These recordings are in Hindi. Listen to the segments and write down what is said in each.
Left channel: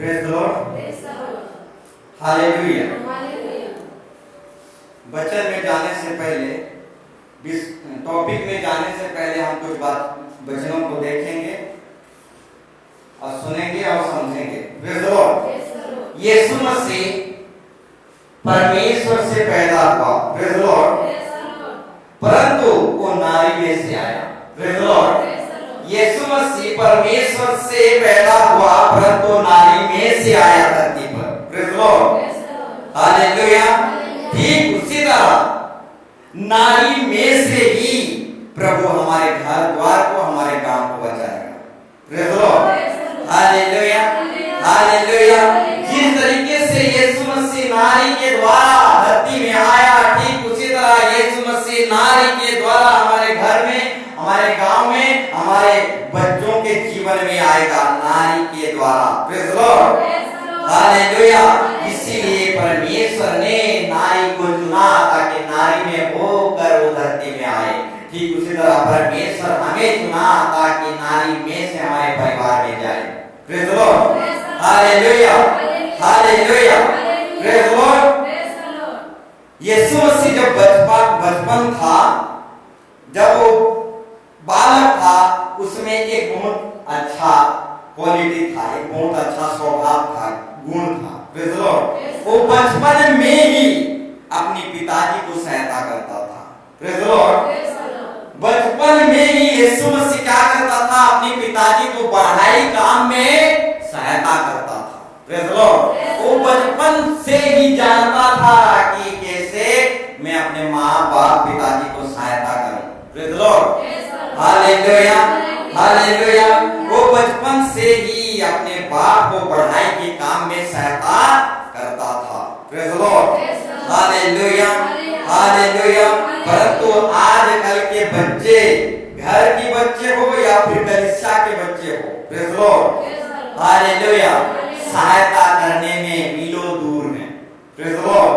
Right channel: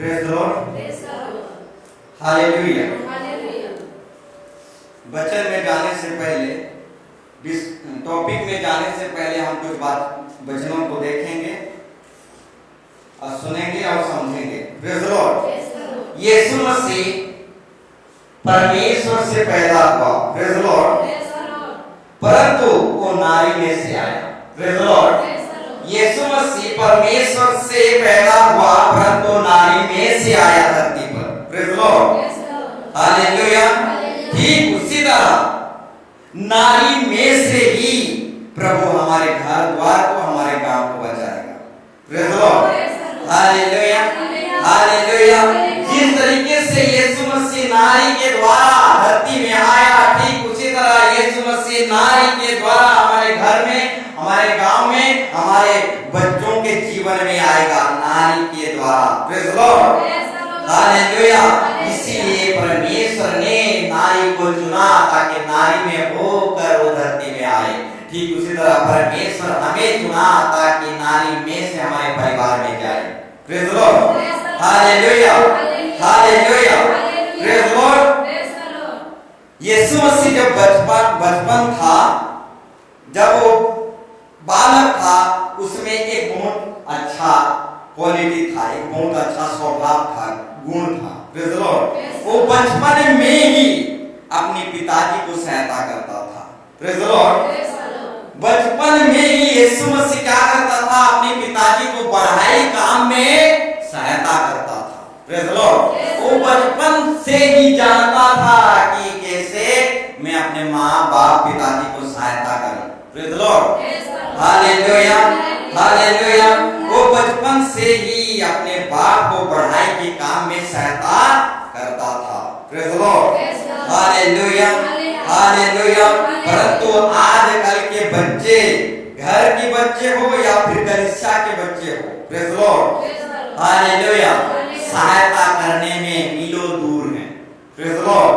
Praise the lord, hallelujah. वचन में जाने से पहले, टॉपिक में जाने से पहले हम कुछ वचनों को देखेंगे और सुनेंगे और समझेंगे। Praise the lord. यीशु मसीह परमेश्वर से पैदा हुआ, प्रेज द लॉर्ड, परंतु वो नारी में से आया। Praise the lord. यीशु मसीह परमेश्वर से पैदा हुआ परंतु नारी में से आया धरती पर। Praise the lord, hallelujah. ठीक उसी तरह नारी में से ही प्रभु हमारे घर द्वार को, हमारे गांव को बचाएगा। Praise the lord, hallelujah, hallelujah. जिस तरीके से यीशु मसीह नारी के द्वारा धरती में आया, ठीक उसी तरह यीशु मसीह नारी के द्वारा हमारे घर में, हमारे गांव में, हमारे बच्चों के जीवन में आएगा, नारी के द्वारा। Praise the lord, hallelujah. इसीलिए परमेश्वर ने नारी को चुना ताकि नारी में होकर वो धरती में आए। ठीक उसी तरह परमेश्वर हमें चुना ताकि नारी में से हमारे परिवार में जाए। Praise the lord, hallelujah, hallelujah, praise the lord. यीशु मसीह जब बचपन था, जब वो बालक था, उसमें एक बहुत अच्छा क्वालिटी था, एक बहुत अच्छा स्वभाव था, गुण था। Praise the Lord. वो बचपन में ही अपने पिताजी को सहायता करता था। Praise the Lord. बचपन में ही यीशु मसीह क्या करता था? अपने पिताजी को पढ़ाई काम में सहायता करता था। Praise the Lord. वो बचपन से ही जानता था कि कैसे मैं अपने माँ बाप पिताजी को सहायता करूं। Praise the lord, hallelujah, hallelujah. वो बचपन से ही अपने बाप को पढ़ाई के काम में सहायता करता था। Praise the lord, hallelujah, hallelujah. परंतु आजकल के बच्चे, घर के बच्चे हो या फिर कलीसिया के बच्चे हो, प्रेज द लॉर्ड, हालेलुया, सहायता करने में मीलों दूर है। Praise the lord,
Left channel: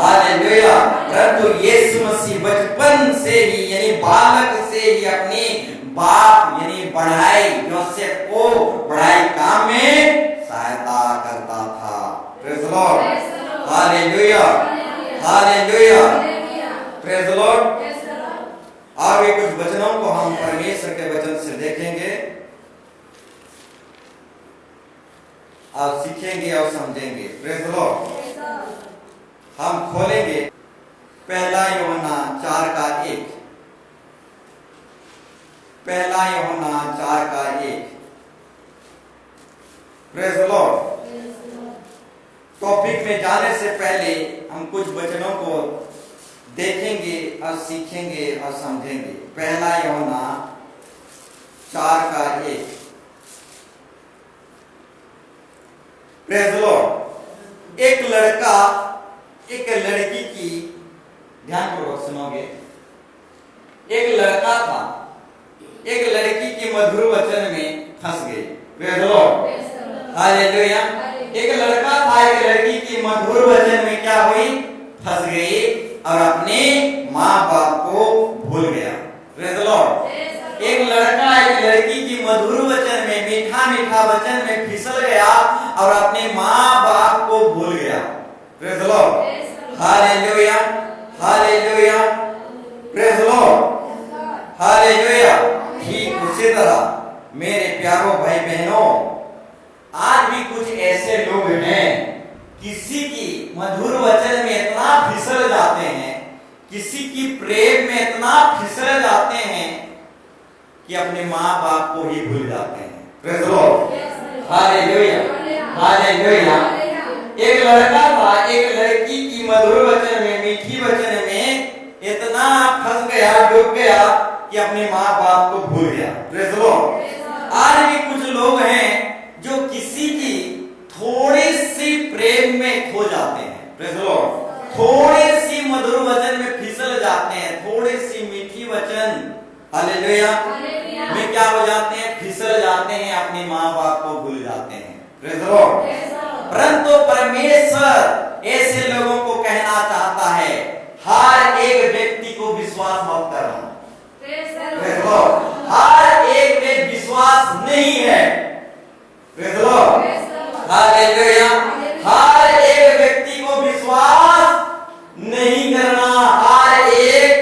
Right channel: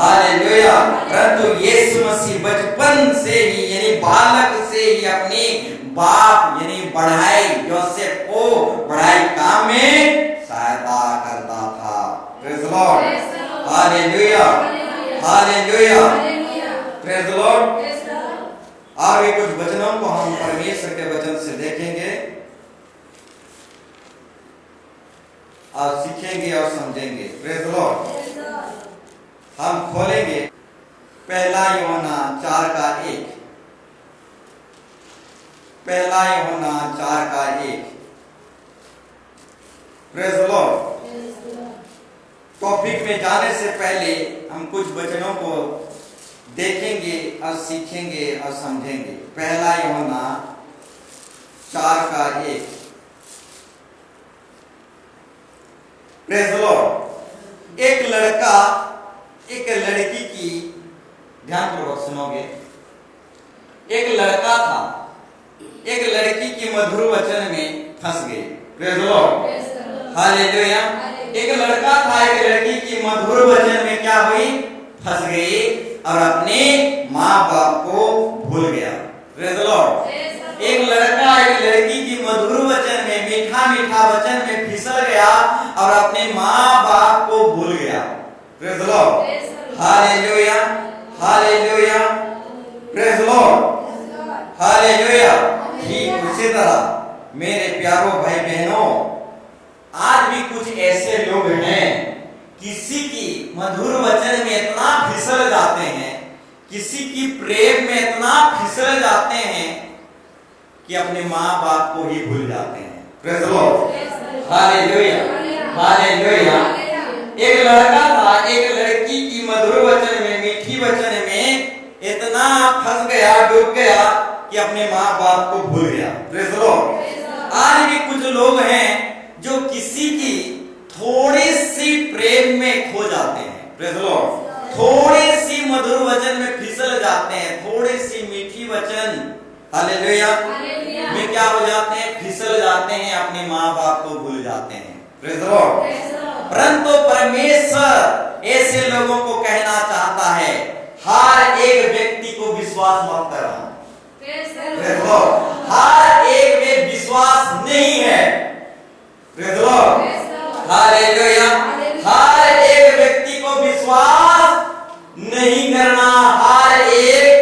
hallelujah. परंतु यीशु मसीह बचपन से ही, यानी बालक से ही अपने बाप यानी पढ़ाई, योसेफ को पढ़ाई काम में सहायता करता था। Praise the lord, hallelujah, hallelujah, praise the Lord. आगे कुछ वचनों को हम परमेश्वर के वचन से देखेंगे और सीखेंगे और समझेंगे। Praise the Lord. हम खोलेंगे पहला यूहन्ना 4:1, पहला यूहन्ना 4:1। Praise the Lord. टॉपिक में जाने से पहले हम कुछ वचनों को देखेंगे और सीखेंगे और समझेंगे। पहला यूहन्ना 4:1। Praise the Lord. एक लड़का एक लड़की की, ध्यानपूर्वक सुनोगे, एक लड़का था, एक लड़की की मधुर वचन में फंस गई। Praise the lord, hallelujah. एक लड़का था, एक लड़की की मधुर वचन में क्या हुई? फंस गई और अपने माँ बाप को भूल गया। Praise the Lord. एक लड़का एक लड़की की मधुर वचन में, मीठा मीठा वचन में फिसल गया और अपने माँ बाप को भूल गया। Praise the lord, hallelujah, hallelujah, praise the lord, hallelujah. ठीक उसी तरह मेरे प्यारों भाई बहनों, आज भी कुछ ऐसे लोग हैं, किसी की मधुर वचन में इतना फिसल जाते हैं, किसी की प्रेम में इतना फिसल जाते हैं कि अपने माँ बाप को ही भूल जाते हैं। Praise the lord, hallelujah, hallelujah. एक लड़का था, एक लड़की की मधुर वचन में, मीठी वचन में इतना फंस गया, डूब गया कि अपने माँ बाप को भूल गया। Praise the Lord. आज भी कुछ लोग हैं जो किसी की थोड़ी सी प्रेम में खो जाते हैं। Praise the Lord. थोड़ी सी मधुर वचन में फिसल जाते हैं, थोड़ी सी मीठी वचन, हालेलुया, में क्या हो जाते हैं? फिसल जाते हैं, अपने माँ बाप को भूल जाते हैं। Praise the Lord. परंतु परमेश्वर ऐसे लोगों को कहना चाहता है, हर एक व्यक्ति को विश्वास मत करना। हर एक में विश्वास नहीं है। हालेलुया। हर एक व्यक्ति को विश्वास नहीं करना, हर एक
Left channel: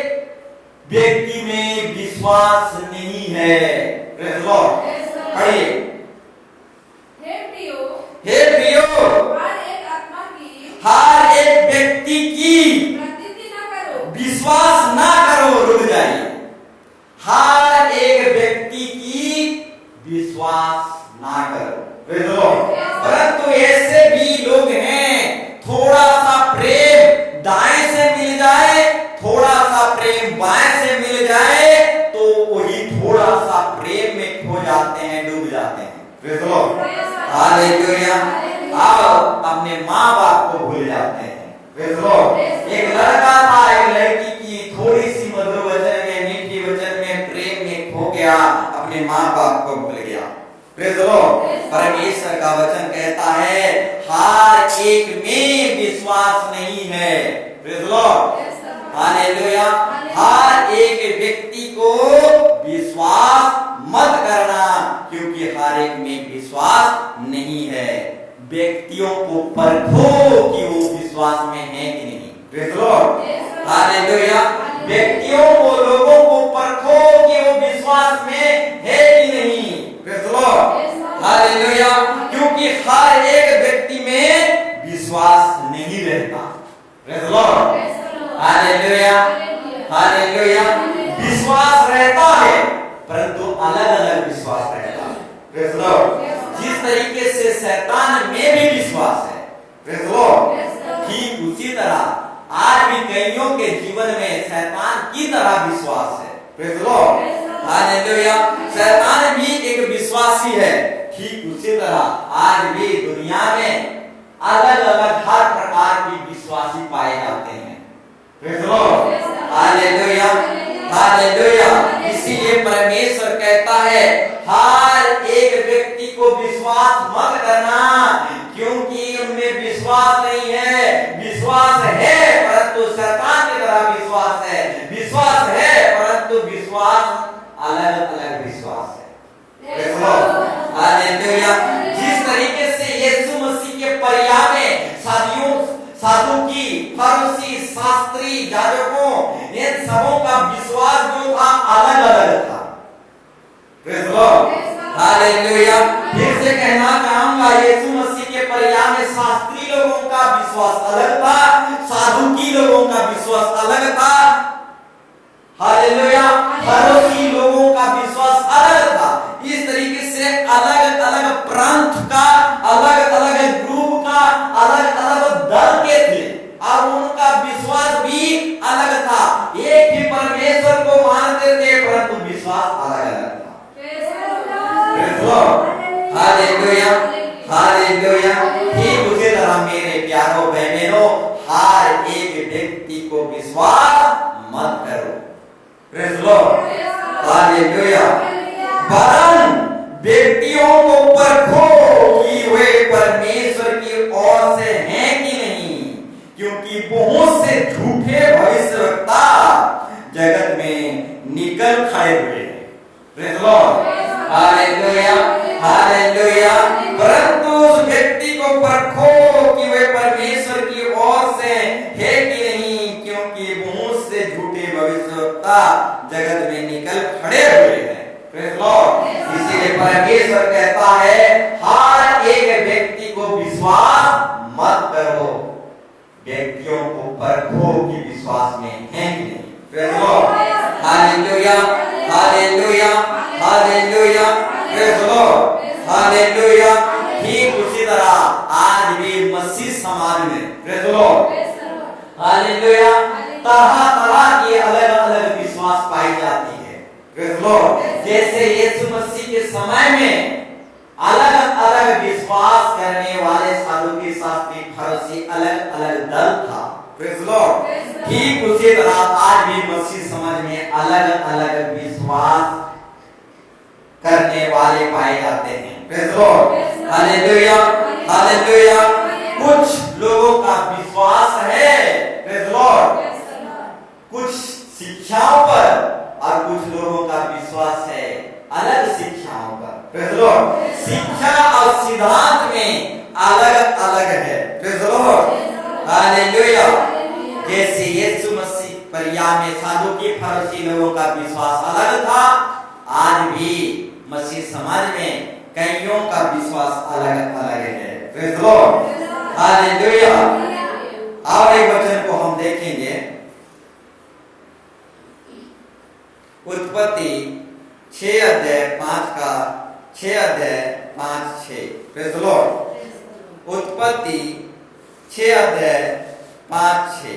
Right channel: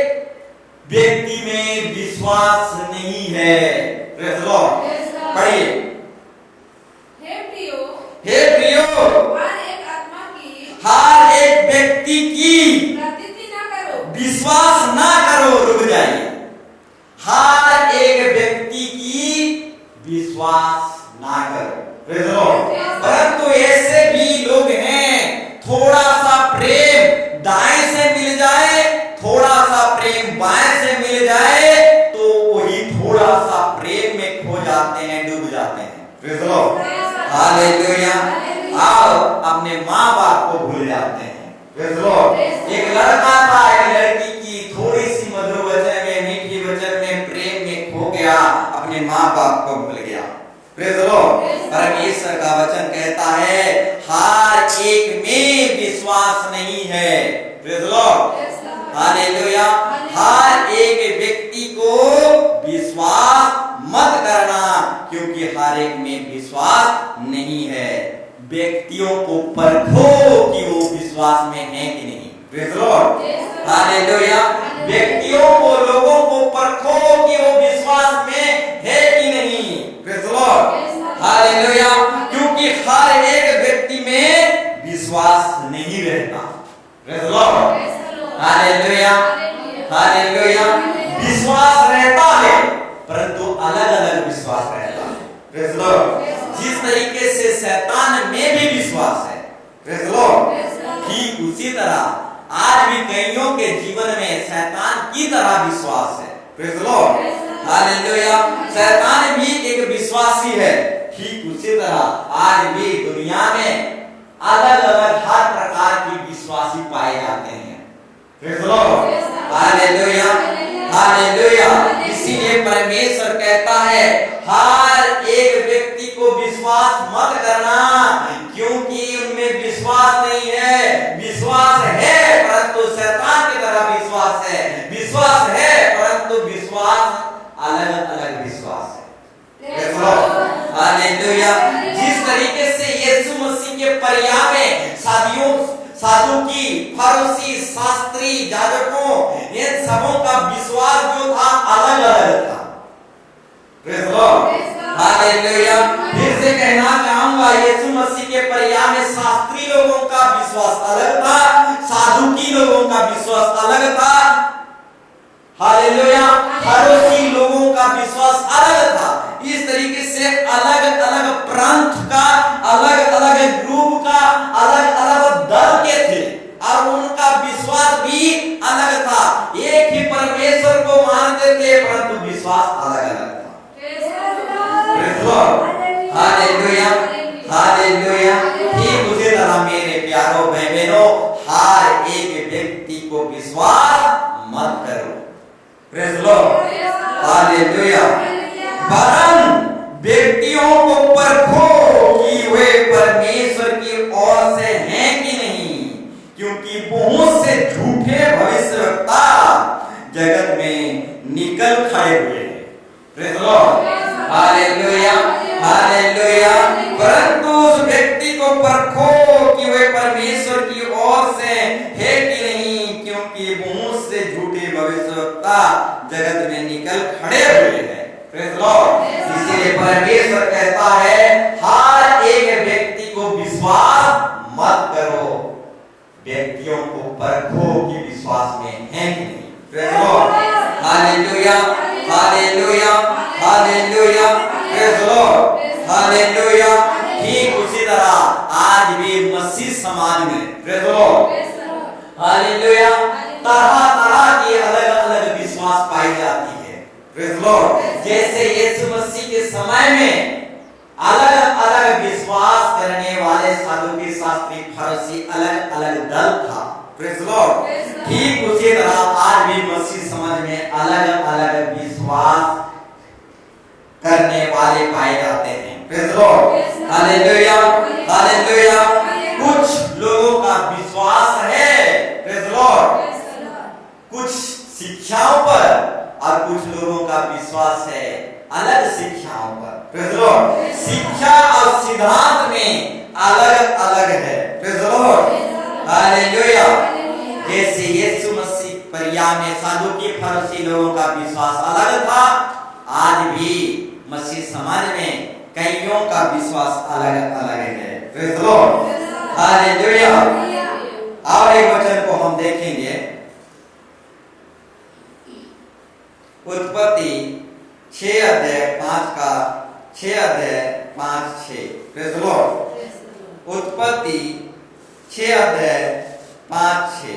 व्यक्ति में विश्वास नहीं है। Praise the Lord. पढ़िए। हे प्रियो, हर एक व्यक्ति की विश्वास ना करो। रुक जाइए। हर एक व्यक्ति की विश्वास ना करो। Praise the Lord. परंतु ऐसे भी लोग हैं, थोड़ा सा प्रेम दाएं से मिल जाए, थोड़ा सा प्रेम बाएं से मिल जाए, तो वही थोड़ा सा प्रेम में खो जाते हैं, डूब जाते हैं। Praise the lord. हालेलुया। आओ, अपने माँ बाप को भूल जाते हैं। Praise the Lord. एक लड़का था, एक लड़की की थोड़ी सी मधुर वचन में, मीठी वचन में, प्रेम में खो गया, अपने माँ बाप को भूल गया। Praise the Lord. परमेश्वर का वचन कहता है हर एक में विश्वास नहीं है। Praise the lord. हालेलुया। हर एक व्यक्ति को विश्वास मत करना, क्योंकि हर एक में विश्वास नहीं है। व्यक्तियों को परखो कि वो विश्वास में है कि नहीं। Praise the lord. हालेलुया। व्यक्तियों को, लोगों को परखो कि वो विश्वास में है कि नहीं। Praise the lord. हालेलुया। क्योंकि हर एक व्यक्ति में विश्वास नहीं रहता। Praise the lord. Hallelujah. Hallelujah. विश्वास रहता है, परंतु अलग अलग विश्वास रहता है। Praise the Lord. जिस तरीके से शैतान में भी विश्वास है, प्रेज़ द लॉर्ड, ठीक उसी तरह आज भी कईयों के जीवन में शैतान की तरह विश्वास है। Praise the lord. हालेलुया। शैतान भी एक विश्वासी है, ठीक उसी तरह आज भी दुनिया में अलग अलग हर प्रकार की विश्वासी पाए जाते हैं। Praise the lord. Hallelujah. Hallelujah. इसीलिए परमेश्वर कहता है हर एक व्यक्ति को विश्वास मत करना, क्योंकि उनमें विश्वास नहीं है। विश्वास है परंतु शैतान की तरह विश्वास है। विश्वास है परंतु विश्वास अलग अलग विश्वास है। हालेलुया। जिस तरीके से यीशु मसीह के परिवार में साधुकी, फरीसी, शास्त्री, याजकों, इन सबों का विश्वास जो था अलग अलग था। Praise the lord. हालेलुया। फिर से कहना चाहूंगा, यीशु मसीह के परिवार में शास्त्री लोगों का विश्वास अलग था, साधुकी लोगों का विश्वास अलग था। हालेलुया। फरीसी लोगों का विश्वास अलग था। इस तरीके से अलग अलग प्रांत का, अलग अलग ग्रुप का, अलग अलग दल के थे और उनका विश्वास भी अलग था। एक ही परमेश्वर को मानते थे, परंतु विश्वास अलग अलग था। Praise the lord. Hallelujah. Hallelujah. ठीक उसी तरह मेरे प्यारों बहनों, हर एक व्यक्ति को विश्वास मत करो। Praise the lord. हालेलुया। वरन व्यक्तियों को परखो कि वे परमेश्वर की ओर से हैं कि नहीं, क्योंकि बहुत से झूठे भविष्यवक्ता जगत में निकल खड़े हुए हैं। Praise the lord. Hallelujah. Hallelujah. परंतु उस व्यक्ति को परखो कि वे परमेश्वर की ओर से है कि नहीं, क्योंकि बहुत से झूठे भविष्यवक्ता जगत में निकल खड़े हुए हैं। Praise the Lord. इसीलिए परमेश्वर कहता है हर एक व्यक्ति को विश्वास मत करो, व्यक्तियों को परखो कि विश्वास में है कि नहीं। Praise the lord. Hallelujah. Hallelujah. Hallelujah. Praise the lord. Hallelujah. ठीक उसी तरह आज भी मसीह समाज में, प्रेज़ द लॉर्ड, हालेलुया, तरह तरह की अलग अलग विश्वास पाई जाती है। Praise the Lord. जैसे यीशु मसीह के समय में अलग अलग विश्वास करने वाले साधुकी, शास्त्री, फरीसी अलग अलग दल था। Praise the Lord. ठीक उसी तरह आज भी मसीह समाज में अलग अलग विश्वास करने वाले पाए जाते हैं। Praise the lord. Hallelujah. Hallelujah. कुछ लोगों का विश्वास है, प्रेज़ द लॉर्ड, कुछ शिक्षाओं पर, और कुछ लोगों का विश्वास है अलग शिक्षाओं पर। Praise the Lord. शिक्षा और सिद्धांत में उत्तरिया में सादुकी फरीसी लोगों का विश्वास अलग था। आज भी मसीह समाज में कईयों का विश्वास अलग अलग है। Praise the lord, hallelujah. और एक वचन को हम देखेंगे, उत्पत्ति 6 अध्याय 5 का 6 अध्याय 5-6। प्रेज़ द लॉर्ड, उत्पत्ति 6 अध्याय 5-6।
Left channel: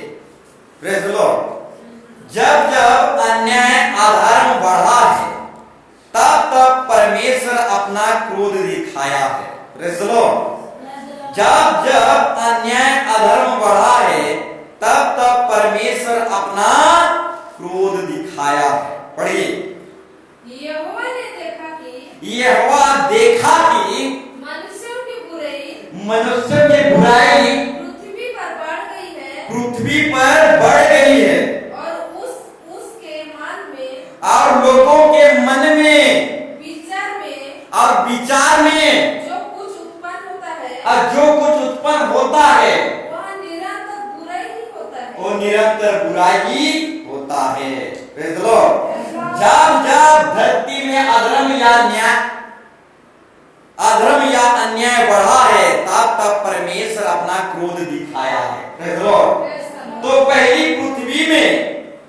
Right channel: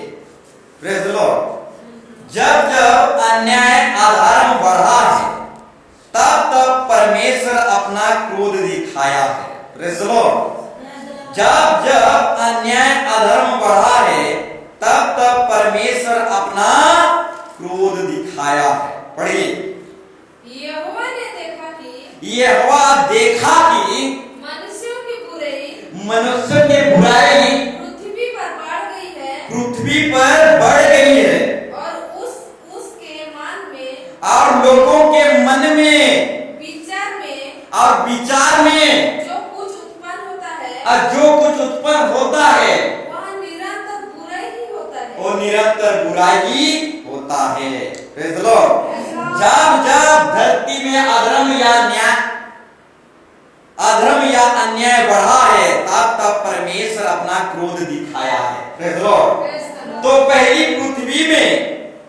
Praise the Lord. जब जब अन्याय अधर्म बढ़ा है, तब तब परमेश्वर अपना क्रोध दिखाया है। Praise the Lord. जब जब अन्याय अधर्म बढ़ा है, तब तब परमेश्वर अपना क्रोध दिखाया है। पढ़िए, यहोवा ने देखा कि यहोवा देखा कि मनुष्यों की बुराई पृथ्वी पर बढ़ गई है, पृथ्वी पर बढ़ गई है, और उसके मन में और लोगों के मन में और विचार में जो कुछ उत्पन्न होता है वह निरंतर बुराई ही होता है। वो निरंतर बुराई ही होता है। Praise the Lord. जब जब धरती में अधर्म या अन्याय बढ़ा है, तब तब परमेश्वर अपना क्रोध दिखाया है। Praise the Lord. तो पहली पृथ्वी में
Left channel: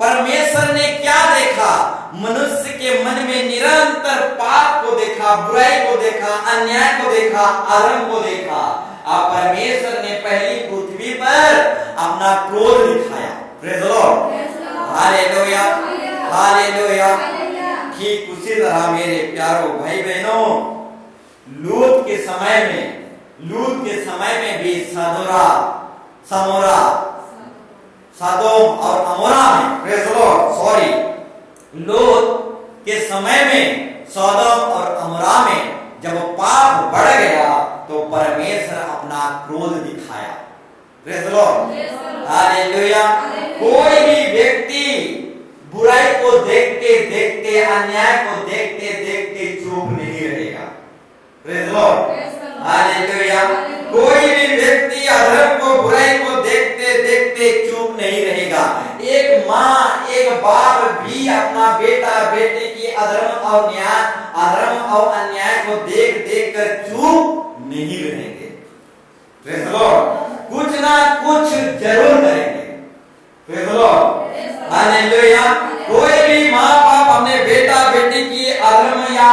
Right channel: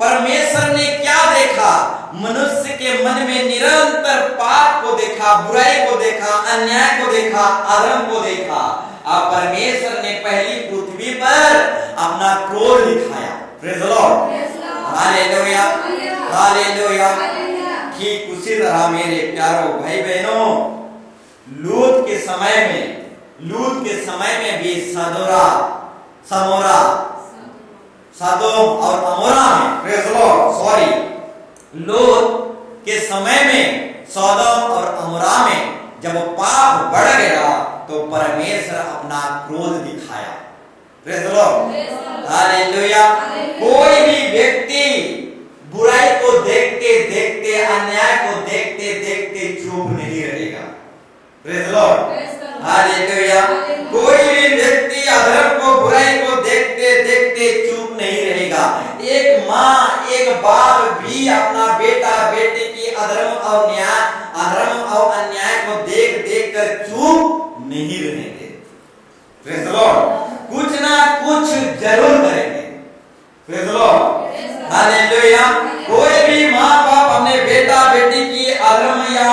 परमेश्वर ने क्या देखा? मनुष्य के मन में निरंतर पाप को देखा, बुराई को देखा, अन्याय को देखा, अधर्म को देखा। अब परमेश्वर ने पहली पृथ्वी पर अपना क्रोध दिखाया। Praise the lord, hallelujah, hallelujah. ठीक उसी तरह मेरे प्यारो भाई बहनों, लूत के समय में भी सदोम और अमोरा में, प्रेज़ द लॉर्ड, लूत के समय में सदोम और अमोरा में जब पाप बढ़ गया, तो परमेश्वर अपना क्रोध दिखाया। Praise the lord, hallelujah. कोई भी व्यक्ति बुराई को देखते देखते, अन्याय को देखते देखते चुप नहीं रहेगा। Praise the lord, hallelujah. कोई भी व्यक्ति अधर्म को, बुराई को देखते देखते चुप नहीं रहेगा। एक माँ, एक बाप भी अपना बेटा बेटी की अधर्म और अन्याय को देख देख कर चुप नहीं रहेंगे। प्रेज़ द लॉर्ड, कुछ ना कुछ जरूर करेंगे। Praise the lord, hallelujah. कोई भी माँ बाप अपने बेटा बेटी की अधर्म या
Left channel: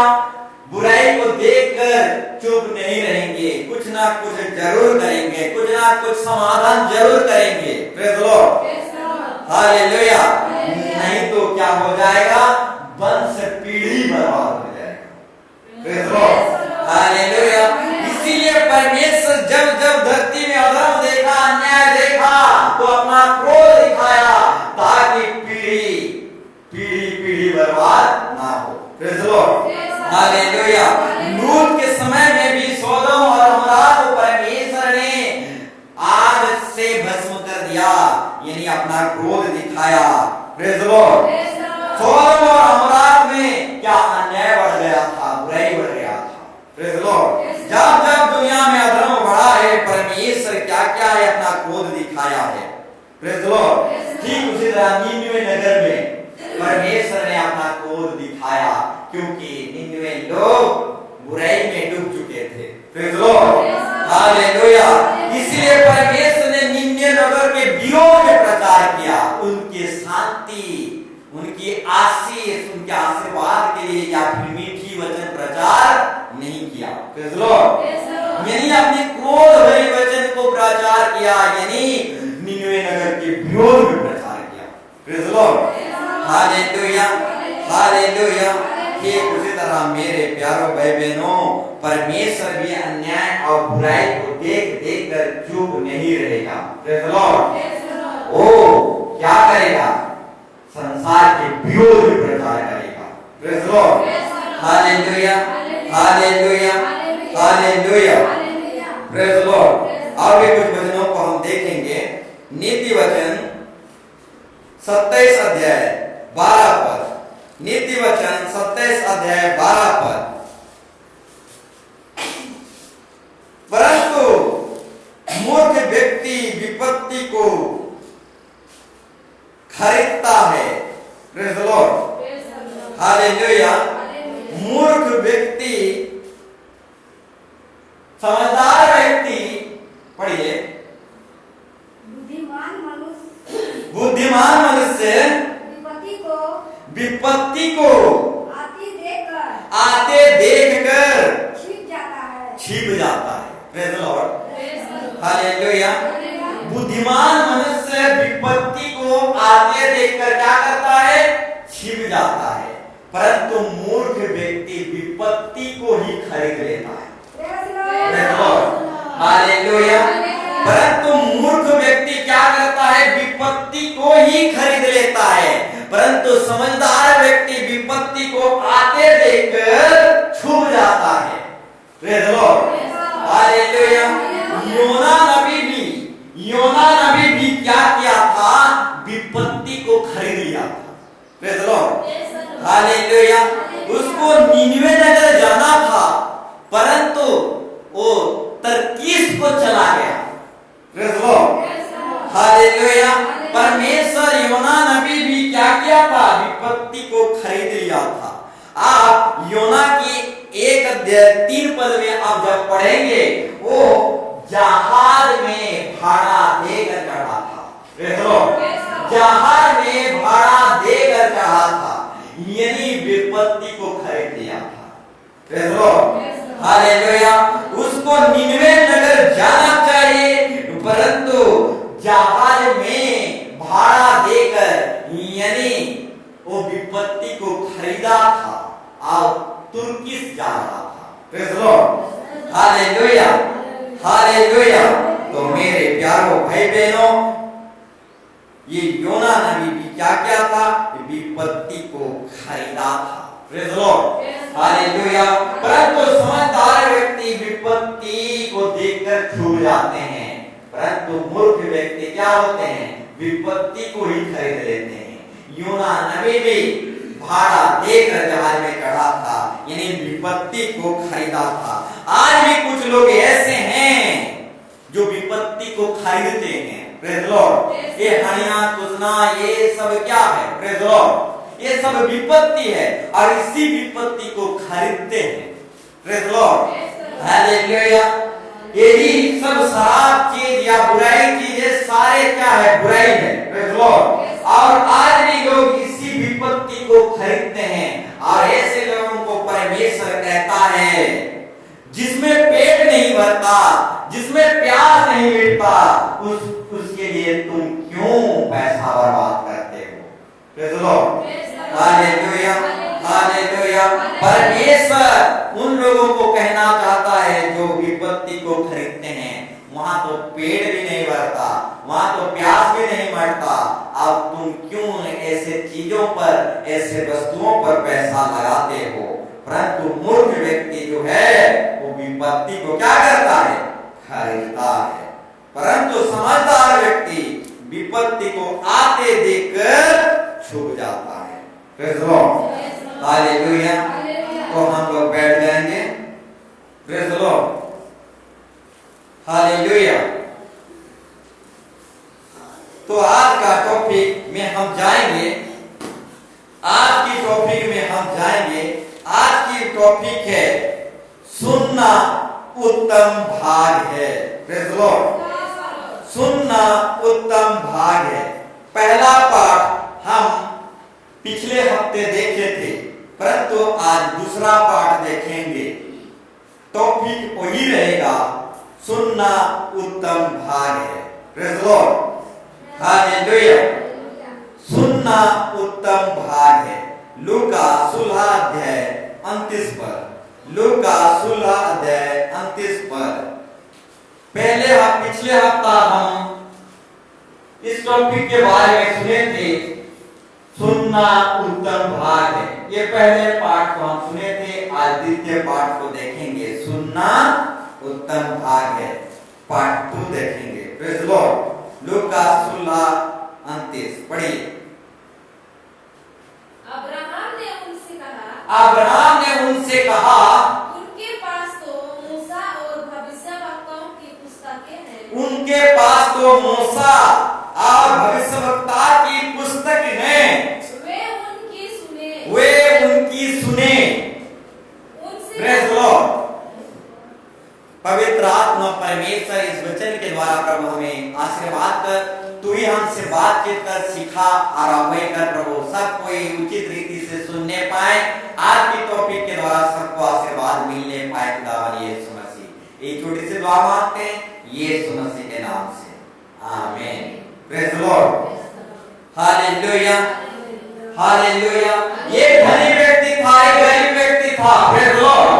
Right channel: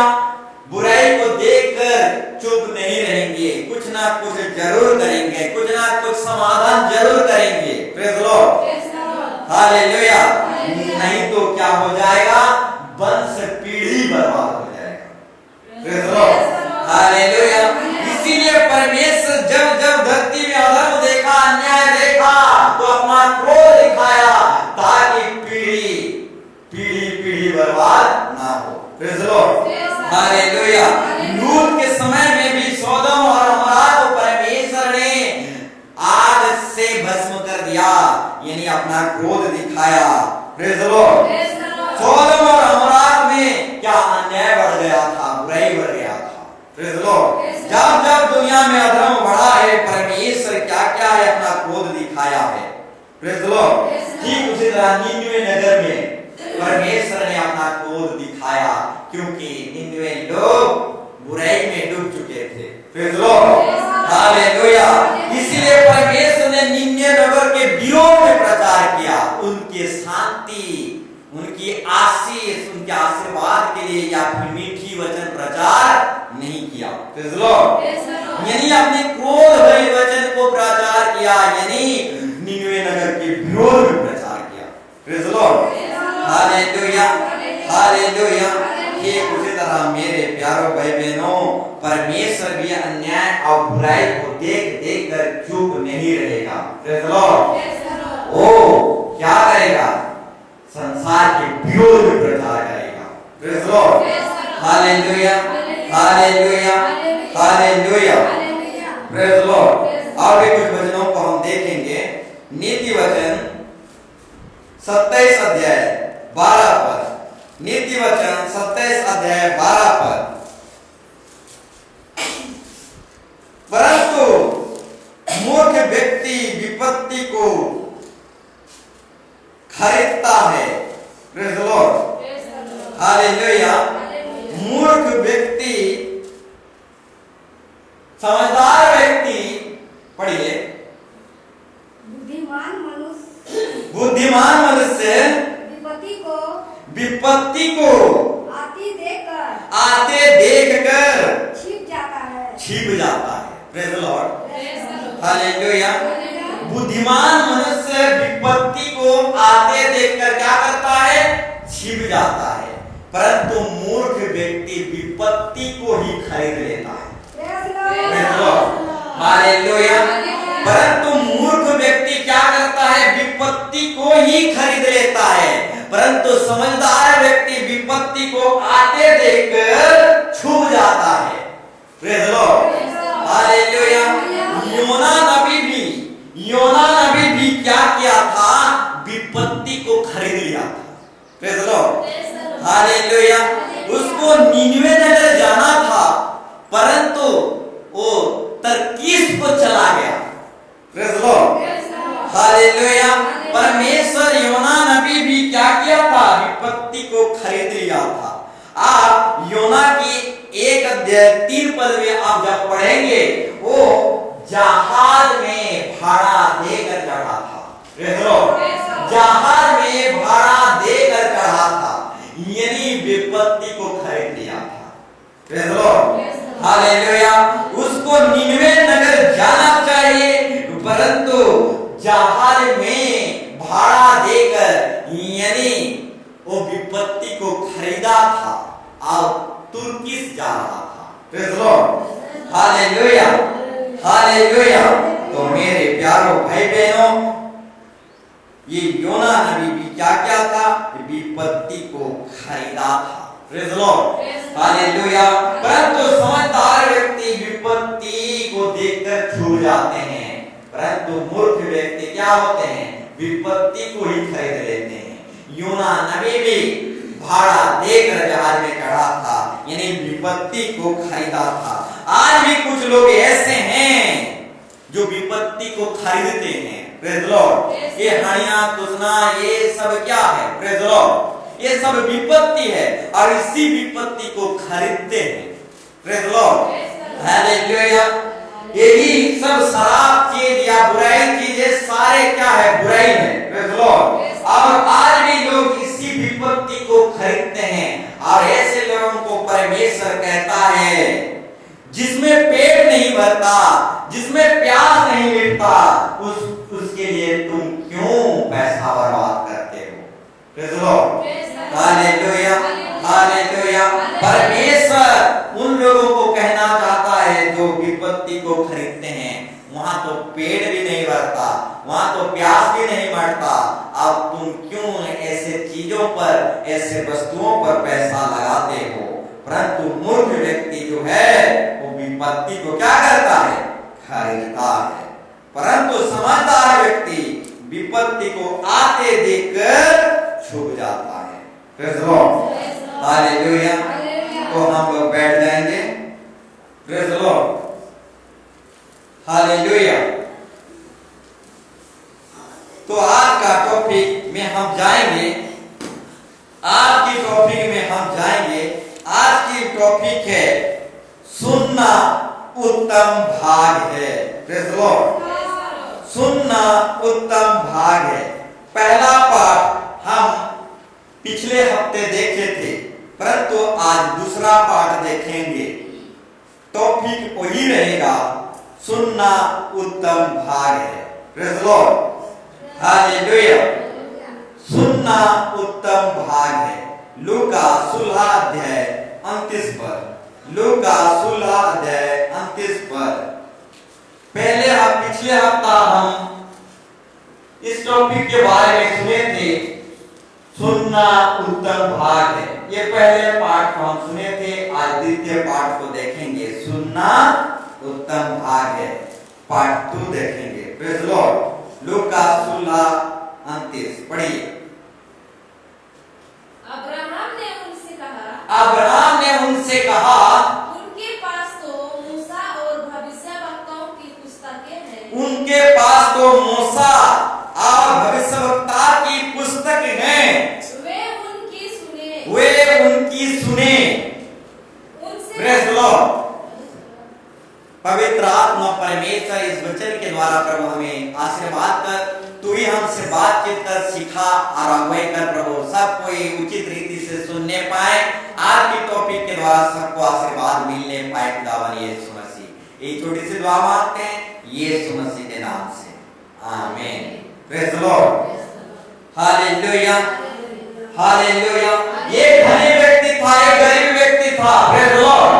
बुराई को देखकर चुप नहीं रहेंगे, कुछ ना कुछ जरूर करेंगे, कुछ ना कुछ समाधान जरूर करेंगे। Praise the lord, hallelujah. नहीं तो क्या हो जाएगा? वंश पीढ़ी बर्बाद हो जाएगा। Praise the lord, hallelujah. इसीलिए परमेश्वर जब जब धरती में अधर्म देखा, अन्याय देखा, तो अपना क्रोध दिखाया, ताकि पीढ़ी बर्बाद ना हो। Praise the lord, hallelujah. लूत के समय में भी सदोम और अमोरा को परमेश्वर ने आग से भस्म कर दिया, यानी अपना क्रोध दिखाया। Praise the Lord. सदोम और अमोरा में क्या अन्याय बढ़ गया था, बुराई बढ़ गया था। Praise the Lord. जब जब दुनिया में अधर्म बढ़ा है, परमेश्वर क्या क्या है, अपना क्रोध दिखाया है। Praise the Lord. ठीक उसी तरह निनवे नगर में परमेश्वर ने अपना क्रोध दिखाया, क्योंकि निनवे लोग बुराई में डूब चुके थे। Praise the lord, hallelujah. इसीलिए परमेश्वर ने निनवे नगर के विरोध में प्रचार किया, उनके शांति, उनकी आशीष, उनके आशीर्वाद के लिए या फिर मीठी वचन प्रचार नहीं किया। प्रेज़ द लॉर्ड, यानी अपने क्रोध भरे वचन को प्रचार किया, यानी निनवे नगर के विरोध में प्रचार किया। Praise the lord, hallelujah, hallelujah. ठीक उसी तरह मेरे प्यारो भाई बहनों, परमेश्वर भी अन्याय और बुराई को देख देख कर चुप नहीं रहेगा। Praise the Lord. ओ क्या करेगा? संसार के विरोध में प्रचार करेगा। Praise the lord, hallelujah, hallelujah, hallelujah. Praise the Lord. और भी कुछ वचनों को हम देखेंगे। नीति वचन 27 अध्याय 12 पद। नीति वचन 27 अध्याय 12 पद। परंतु मूर्ख व्यक्ति विपत्ति को खरीदता है। Praise the lord, hallelujah. मूर्ख व्यक्ति, समझदार व्यक्ति, पढ़िए, बुद्धिमान मनुष्य विपत्ति को आते देखकर छिप जाता है। Praise the lord, hallelujah. बुद्धिमान मनुष्य विपत्ति को आते देखकर क्या करता है? छिप जाता है। परंतु मूर्ख व्यक्ति विपत्ति को ही खरीद लेता है। हालेलुया। परंतु मूर्ख व्यक्ति क्या करता है? विपत्ति को ही खरीद लेता है। परंतु समझदार व्यक्ति विपत्ति को आते देखकर छुप जाता है। Praise the lord, hallelujah. योना नबी भी क्या किया था? विपत्ति को खरीद लिया था। Praise the lord, hallelujah. उसको नीनवे नगर जाना था, परंतु वो तरकीश को चला गया। Praise the lord, hallelujah. परमेश्वर योना नबी भी क्या किया था? विपत्ति को खरीद लिया था। आप योना की 1:3 में आप जब पढ़ेंगे, वो जहाज में भाड़ा देकर चढ़ा था। जहाज में भाड़ा देकर चढ़ा था, यानी विपत्ति को खरीद लिया था। हालेलुया। उसको निनवे नगर जाना चाहिए, परंतु जहाज में भाड़ा देकर, यानी वो विपत्ति को खरीदा था और तुर्किश जा रहा था। Hallelujah, hallelujah. तो मेरे प्यारों भाई बहनों, ये योना नबी भी क्या क्या था? विपत्ति को खरीदा था। Praise the lord, hallelujah. परंतु समझदार व्यक्ति विपत्ति को देखकर छूट जाते हैं, परंतु मूर्ख व्यक्ति क्या होते हैं? विपत्ति को ही खरीद लेते हैं। योना नबी भी भाड़ा लेकर जहाज में चढ़ा था, यानी विपत्ति को खरीदा था। आज भी कुछ लोग ऐसे हैं जो विपत्ति को खरीदते हैं। Praise the Lord. ये हणिया तुलना ये सब क्या है? प्रेज़ द लॉर्ड, ये सब विपत्ति है और इसी विपत्ति को खरीदते हैं। Praise the lord, hallelujah. यही सब शराब चीज या बुराई चीजें सारे क्या है? बुराई है। Praise the Lord. और आज भी लोग इसी विपत्ति को खरीदते हैं और ऐसे लोगों को परमेश्वर कहता है, जिसमें पेट नहीं भरता, जिसमें प्यास नहीं मिटता, उसके लिए तुम क्यों पैसा बर्बाद करते हो? Praise the lord, hallelujah, hallelujah. परमेश्वर उन लोगों को कहना चाहता है जो विपत्ति को खरीदते हैं, वहां तो पेट भी नहीं भरता, वहां तो प्यास भी नहीं मरता, अब तुम क्यों ऐसे चीजों पर, ऐसे वस्तुओं पर पैसा लगाते हो? परंतु मूर्ख व्यक्ति जो है वो विपत्ति को क्या करता है? खरीदता है। परंतु समझदार व्यक्ति विपत्ति को आते देखकर छुप जाता है। Praise the lord, hallelujah. तो हम लोग बैठ जाएंगे। Praise the lord, hallelujah. तो आज का टॉपिक में हम जाएंगे, आज की टॉपिक में हम जाएंगे। आज की टॉपिक है सुनना उत्तम भाग है। प्रेज़ द लॉर्ड, सुनना उत्तम भाग है। पहला पाठ हम पिछले हफ्ते देखे थे, परंतु आज दूसरा पाठ देखेंगे। टॉपिक वही रहेगा, सुनना उत्तम भाग है। Praise the lord, hallelujah. सुनना उत्तम भाग है। लूका 16 अध्याय 29 पद, लूका 16 अध्याय 29 पद। पिछले हफ्ता हम इस टॉपिक के बारे में सुने थे, सुनना उत्तम भाग है। ये पहले पाठ को हम सुने थे, आज द्वितीय पाठ को देखेंगे। सुनना उत्तम भाग है, पार्ट 2 देखेंगे। Praise the Lord. लूका 16:29 पढ़िए। अब्राहम ने उनसे कहा, उनके पास तो मूसा और भविष्यवक्ताओं की पुस्तकें हैं। उनके पास तो मूसा और भविष्यवक्ता की पुस्तकें द्वारा प्रभु हमें आशीर्वाद कर, तू ही हमसे बातचीत कर, सिखा और अगुवाई कर प्रभु, सब कोई उचित रीति से सुनने पाए, आज की टॉपिक के द्वारा सबको आशीर्वाद मिलने पाए खुदावन यीशु मसीह। एक छोटी सी दुआ मांगते हैं यीशु मसीह के नाम से, आमीन। Praise the lord, hallelujah hallelujah. ये धनी व्यक्ति था, एक गरीब व्यक्ति था, प्रेज द लॉर्ड।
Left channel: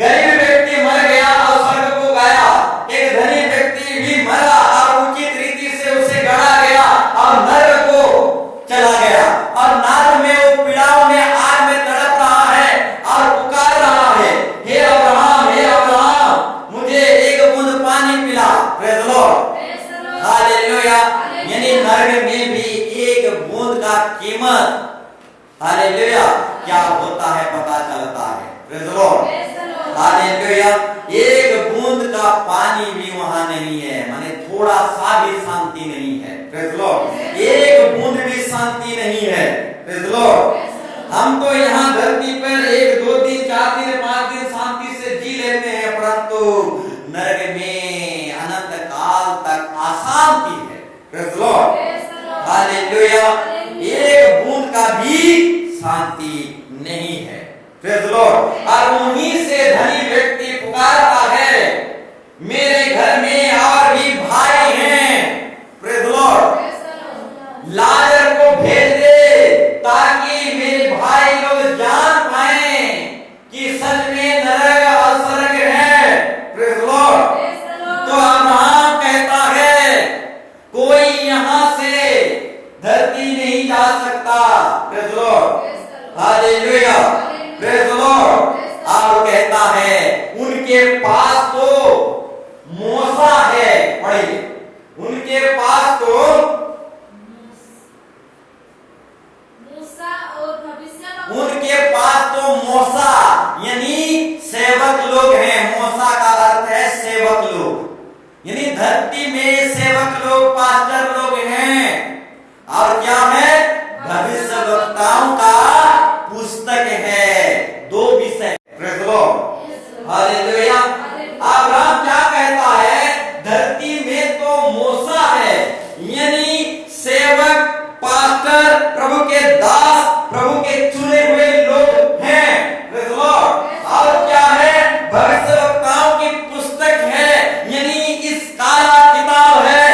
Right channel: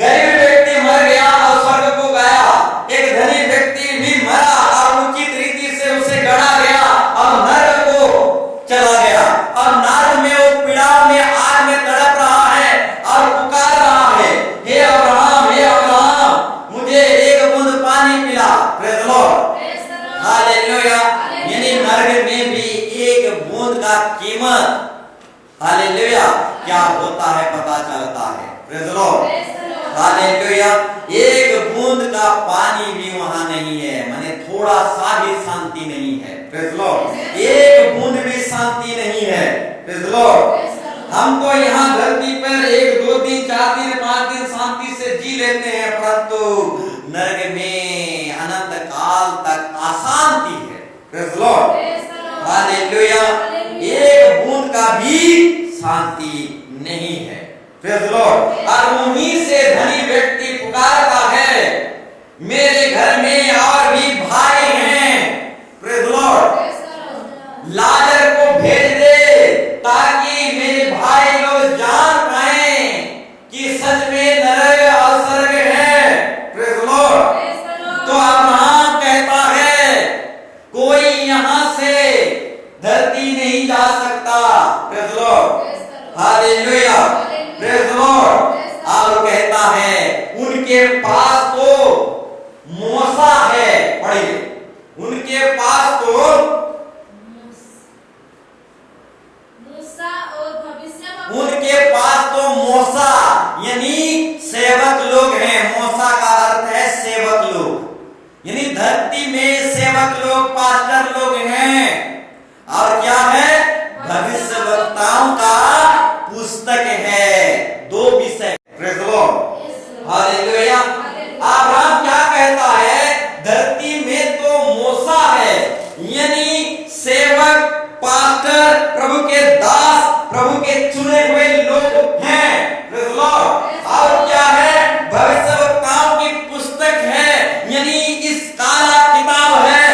गरीब व्यक्ति मर गया और स्वर्ग को गया, एक धनी व्यक्ति भी मरा और उचित रीति से उसे गढ़ा गया और नरक को चला गया, और नरक में वो पीड़ाओं में आग में तड़प रहा है और पुकार रहा है, हे अब्राहम, हे अब्राहम, मुझे एक बूंद पानी पिला। Praise the lord, hallelujah. यानी नरक में भी एक बूंद का कीमत, हालेलुया, क्या होता है पता चलता है। Praise the lord, hallelujah. एक बूंद का पानी भी वहां नहीं है, माने थोड़ा सा भी शांति नहीं है। प्रेज द लॉर्ड, एक बूंद भी शांति नहीं है। Praise the Lord. हम तो यहाँ धरती पर 1 2 3 4 दिन 5 दिन शांति से जी लेते हैं, परंतु नरक में अनंत काल तक अशांति है। Praise the lord, hallelujah. एक बूंद का भी शांति नहीं है। Praise the Lord. और उन्हीं से धनी व्यक्ति पुकारता है, मेरे घर में और भी भाई हैं, प्रेज द लॉर्ड, लाजर को भेज दे ताकि मेरे भाई लोग जान पाए कि सच में नरक और स्वर्ग है। Praise the Lord. तो अब्राहम कहता है, कोई यहां से धरती नहीं जा सकता। Praise the lord, hallelujah, praise the Lord. और कहता है उनके पास तो मूसा है, पढ़िए, उनके पास तो मूसा और भविष्य, उनके पास तो मूसा यानी सेवक लोग हैं। मूसा का अर्थ है सेवक लोग, यानी धरती में सेवक लोग, पास्टर लोग हैं। और क्या है? भविष्यवक्ताओं का पुस्तक है, 2 विषय। Praise the lord, hallelujah. Abraham क्या कहता है? धरती में तो मूसा है, यानी सेवक, पास्टर, प्रभु के दास, प्रभु के चुने हुए लोग हैं। Praise the Lord. और क्या है? भविष्यवक्ताओं की पुस्तक है, यानी इस काला किताब है।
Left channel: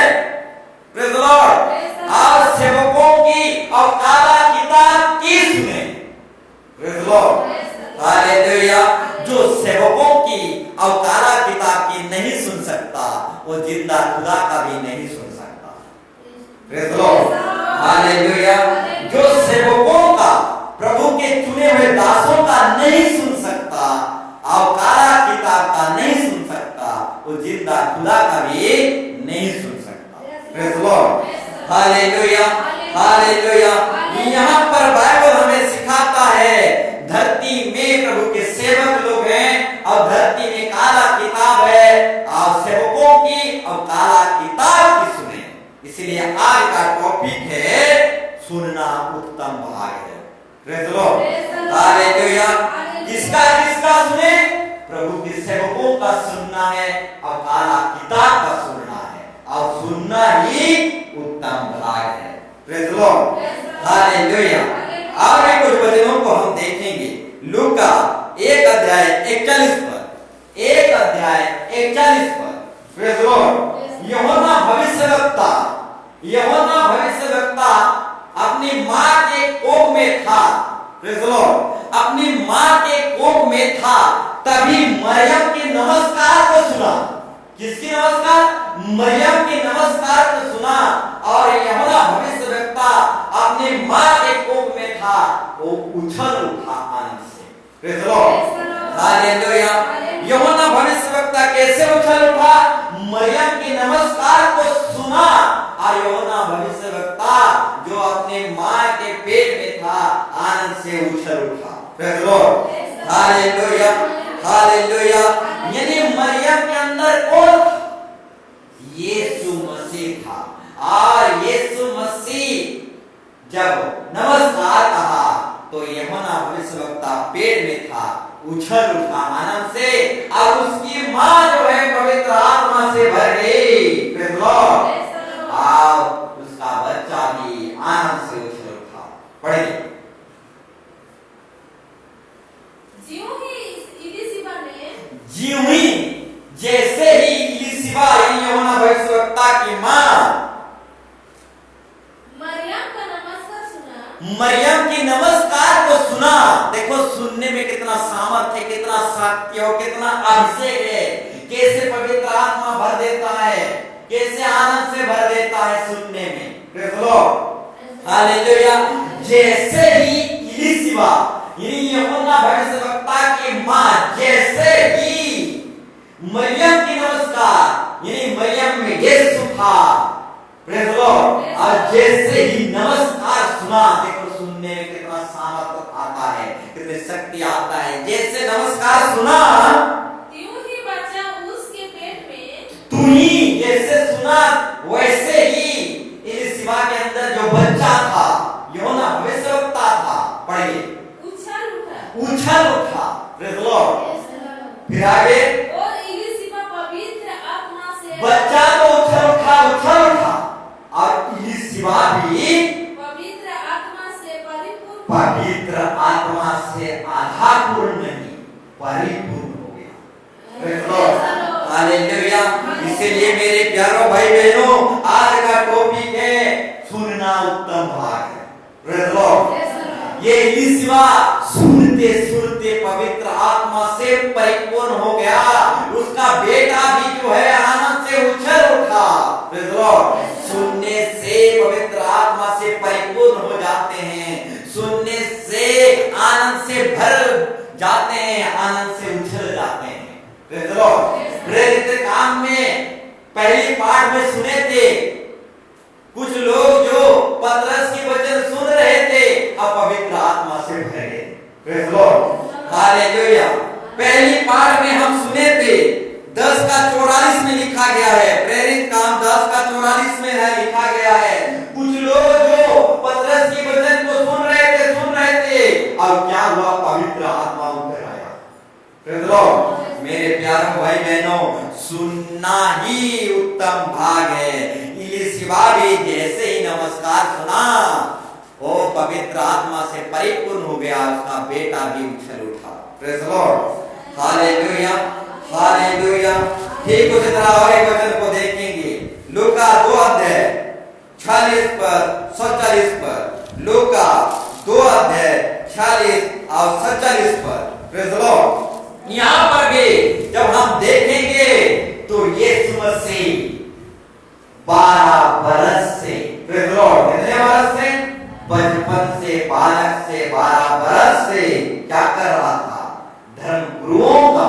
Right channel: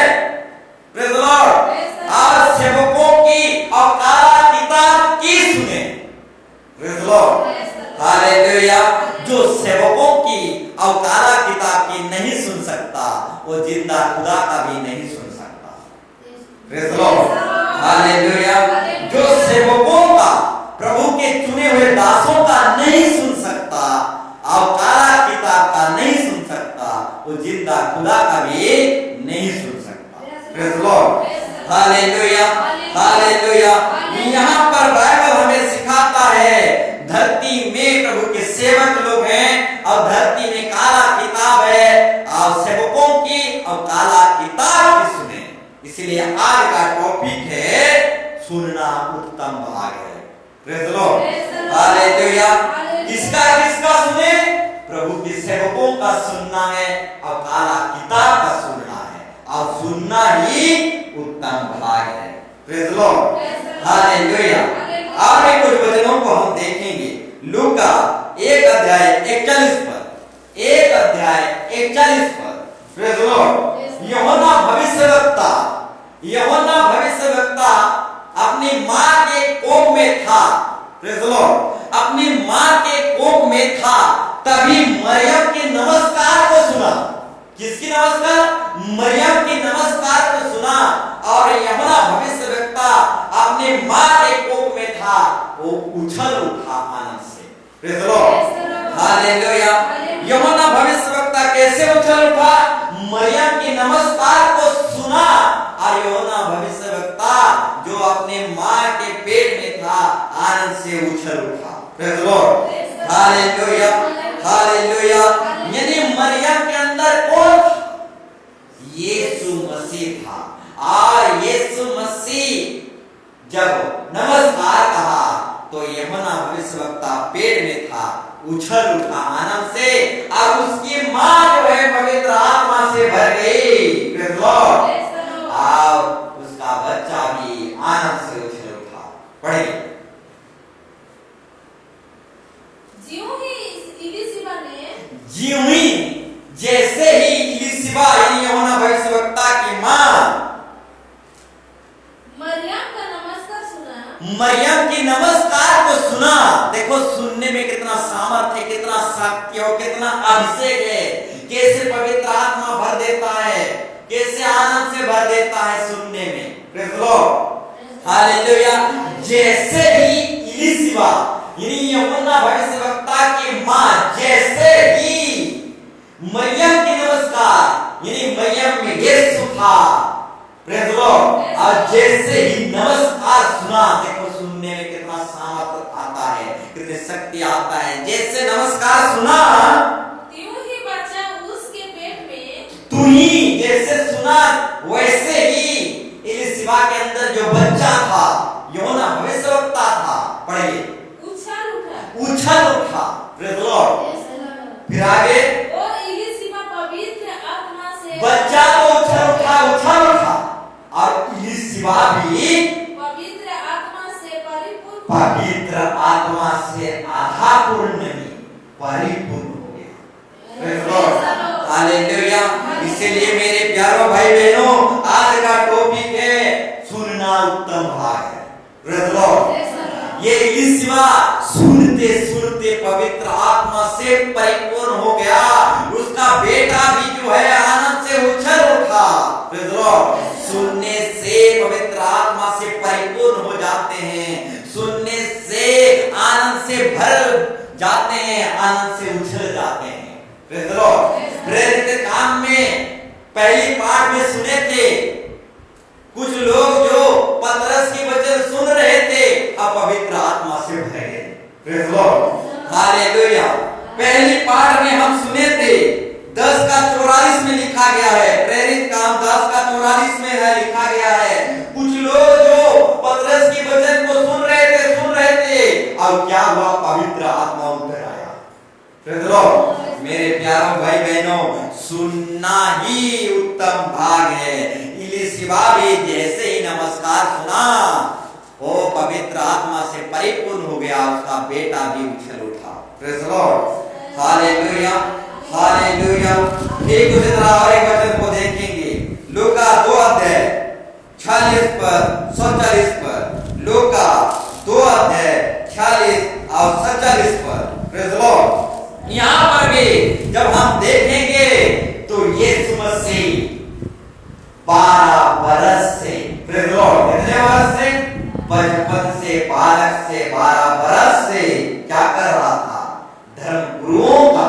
Praise the Lord. और सेवकों की और काला किताब की सुने। Praise the lord, hallelujah. जो सेवकों की और काला किताब की नहीं सुन सकता, वो जिंदा खुदा का भी नहीं सुन सकता। Praise the lord, hallelujah. जो सेवकों का, प्रभु के चुने हुए दासों का नहीं सुन सकता और काला किताब का नहीं सुन सकता, वो जिंदा खुदा का भी नहीं सुन सकता। Praise the lord, hallelujah hallelujah. यहाँ पर बाइबल हमें सिखाता है, धरती में प्रभु के सेवक लोग हैं और धरती में काला किताब है, और सेवकों की और काला किताब की सुने। इसलिए आज का टॉपिक है सुनना उत्तम भाग है। Praise the lord, hallelujah. किसका सुने? प्रभु के सेवकों का सुनना है और काला किताब का सुनना है, और सुनना ही उत्तम भाग है। Praise the lord, hallelujah. और कुछ वचनों को हम देखेंगे। लूका 1 अध्याय 41 पर, 1 अध्याय 41 पर। Praise the Lord. यूहन्ना भविष्यवक्ता अपनी मां के कोख में था। Praise the Lord. अपनी मां के कोख में था, तभी मरियम के नमस्कार को सुना। किसकी नमस्कार? मरियम की नमस्कार को सुना। और यूहन्ना भविष्यवक्ता अपनी मां के कोख में था, वो उछल उठा आनंद से। Praise the lord, hallelujah. यूहन्ना भविष्यवक्ता कैसे उछल उठा? मरियम की नमस्कार को सुना, और यूहन्ना भविष्यवक्ता जो अपने मां के पेट में था, आनंद से उछल उठा। Praise the lord, hallelujah hallelujah. यानी मरियम के अंदर कौन था? यीशु मसीह था। और यीशु मसीह जब नमस्कार कहा तो यूहन्ना भविष्यवक्ता पेट में था, उछल उठा आनंद से। अब उसकी मां जो है पवित्र आत्मा से भर गई। Praise the Lord। अब उसका बच्चा भी आनंद से उछल उठा। पढ़ेंगे। ज्यों ही इलीशिबा ने ज्यों ही जैसे ही इलीशिबा यूहन्ना भविष्यवक्ता की मां मरियम का नमस्कार सुना, मरियम की नमस्कार को सुना। देखो सुनने में कितना सामर्थ्य है, कितना शक्ति और कितना अभिषेक है। कैसे पवित्र आत्मा भर देता है, कैसे आनंद से भर देता है सुनने में। Praise the Lord। हालेलुया। जैसे ही इलीशिबा यूहन्ना भविष्यवक्ता की मां जैसे ही मरियम की नमस्कार यानी मरियम में यीशु था। Praise the Lord। और जैसे ही नमस्कार सुना, देखो सुनने में कितना सामर्थ्य आता है, कितनी शक्ति आता है। जैसे नमस्कार सुना त्यों ही बच्चा उसके पेट में, तू ही जैसे सुना वैसे ही इलीशिबा के अंदर जो बच्चा था यूहन्ना भविष्यवक्ता था, पढ़िए, उछल उठा। Praise the Lord। फिर आगे और इलीशिबा पवित्र आत्मा से, बच्चा तो उछल उठा और इलीशिबा भी पवित्र आत्मा से परिपूर्ण, पवित्र आत्मा से आधा पूर्ण नहीं परिपूर्ण हो गया। Praise the Lord। हालेलुया। इसलिए मेरे प्यारों भाई बहनों, आज का टॉपिक है सुनना उत्तम भाग है। Praise the Lord। ये इलीशिबा सुनते सुनते पवित्र आत्मा से परिपूर्ण हो गया। उसका बेटा भी जो है आनंद से उछल उठा। Praise the Lord। सुनने से पवित्र आत्मा से परिपूर्ण हो जाते हैं, सुनने से आनंद से भर जाते हैं, आनंद से उछल जाते हैं। Praise the Lord। प्रेरित काम में पहली पाठ में सुने थे कुछ लोग जो पतरस की वचन सुन रहे थे, अब पवित्र आत्मा से भरे गए। Praise the Lord। हालेलुया। पहली पाठ में हम सुने थे 10:44 में लिखा गया है, प्रेरित काम 10:44 में है लिखा गया है, कुछ लोग जो पतरस की वचन को सुन रहे थे, अब क्या हुआ, पवित्र आत्मा उतर आया। Praise the Lord। मेरे प्यारे भाई बहनों, सुनना ही उत्तम भाग है। इलीशिबा भी जैसे ही नमस्कार सुना, वो पवित्र आत्मा से परिपूर्ण हो गया, उसका बेटा भी उछल उठा। Praise the Lord। Hallelujah, hallelujah. ठीक उसी तरह और एक वचन को देखेंगे, लूका 2:46 पर 47 पर, लूका 2:46 और 47 पर। Praise the Lord। यहाँ पर भी जब हम देखेंगे तो यीशु मसीह 12 बरस से, Praise the Lord, कितने बरस से, बचपन से, बालक से 12 बरस से क्या कर रहा था, धर्म गुरुओं का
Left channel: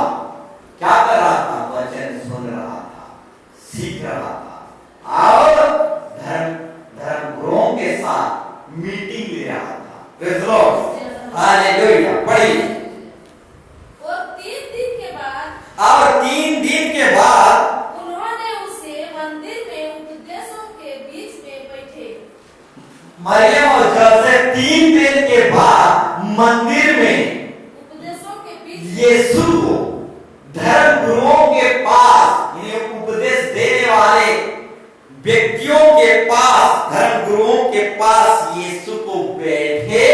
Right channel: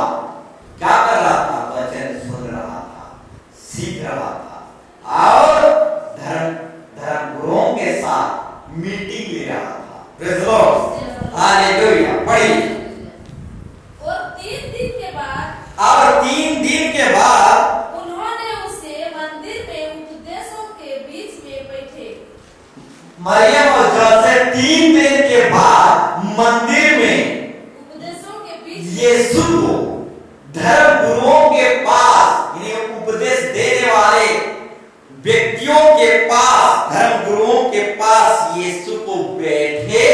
क्या कर रहा था, वचन सुन रहा था, सीख रहा था और धर्म गुरुओं के साथ मीटिंग ले रहा था। Praise the Lord। हालेलुया। पढ़िए। और 3 दिन के बाद उन्होंने उसे मंदिर में उपदेशों के बीच में बैठे, मरियम और जोसेफ 3 दिन के बाद मंदिर में उपदेशों के बीच यीशु को धर्म गुरुओं के पास, यानी उपदेश देने वाले व्यक्तियों के पास, धर्म गुरुओं के पास यीशु को बैठे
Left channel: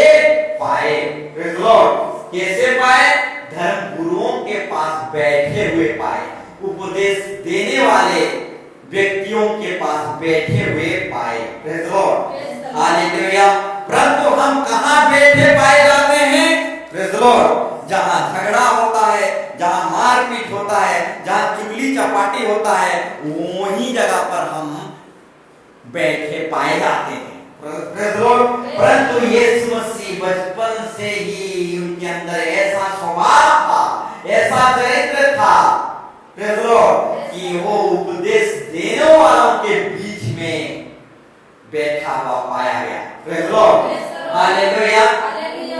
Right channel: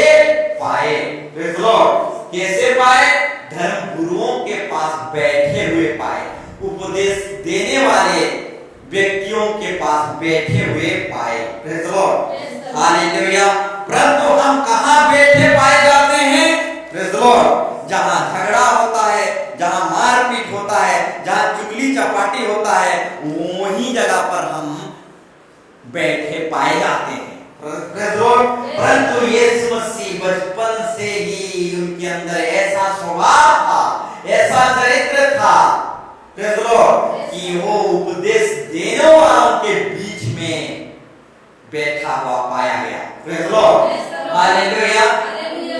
पाए। Praise the Lord। कैसे पाए, धर्म गुरुओं के पास बैठे हुए पाए, उपदेश देने वाले व्यक्तियों के पास बैठे हुए पाए। Praise the Lord। हालेलुया। परंतु हम कहाँ बैठे पाए जाते हैं, Praise the Lord, जहां झगड़ा होता है, जहां मारपीट होता है, जहां चुगली चपाटी होता है, वही जगह पर हम बैठे पाए जाते हैं। परंतु यीशु मसीह बचपन से ही उनके अंदर ऐसा स्वभाव था, ऐसा चरित्र था, कि वो उपदेश देने वालों के बीच में बैठा हुआ पाया गया। Hallelujah,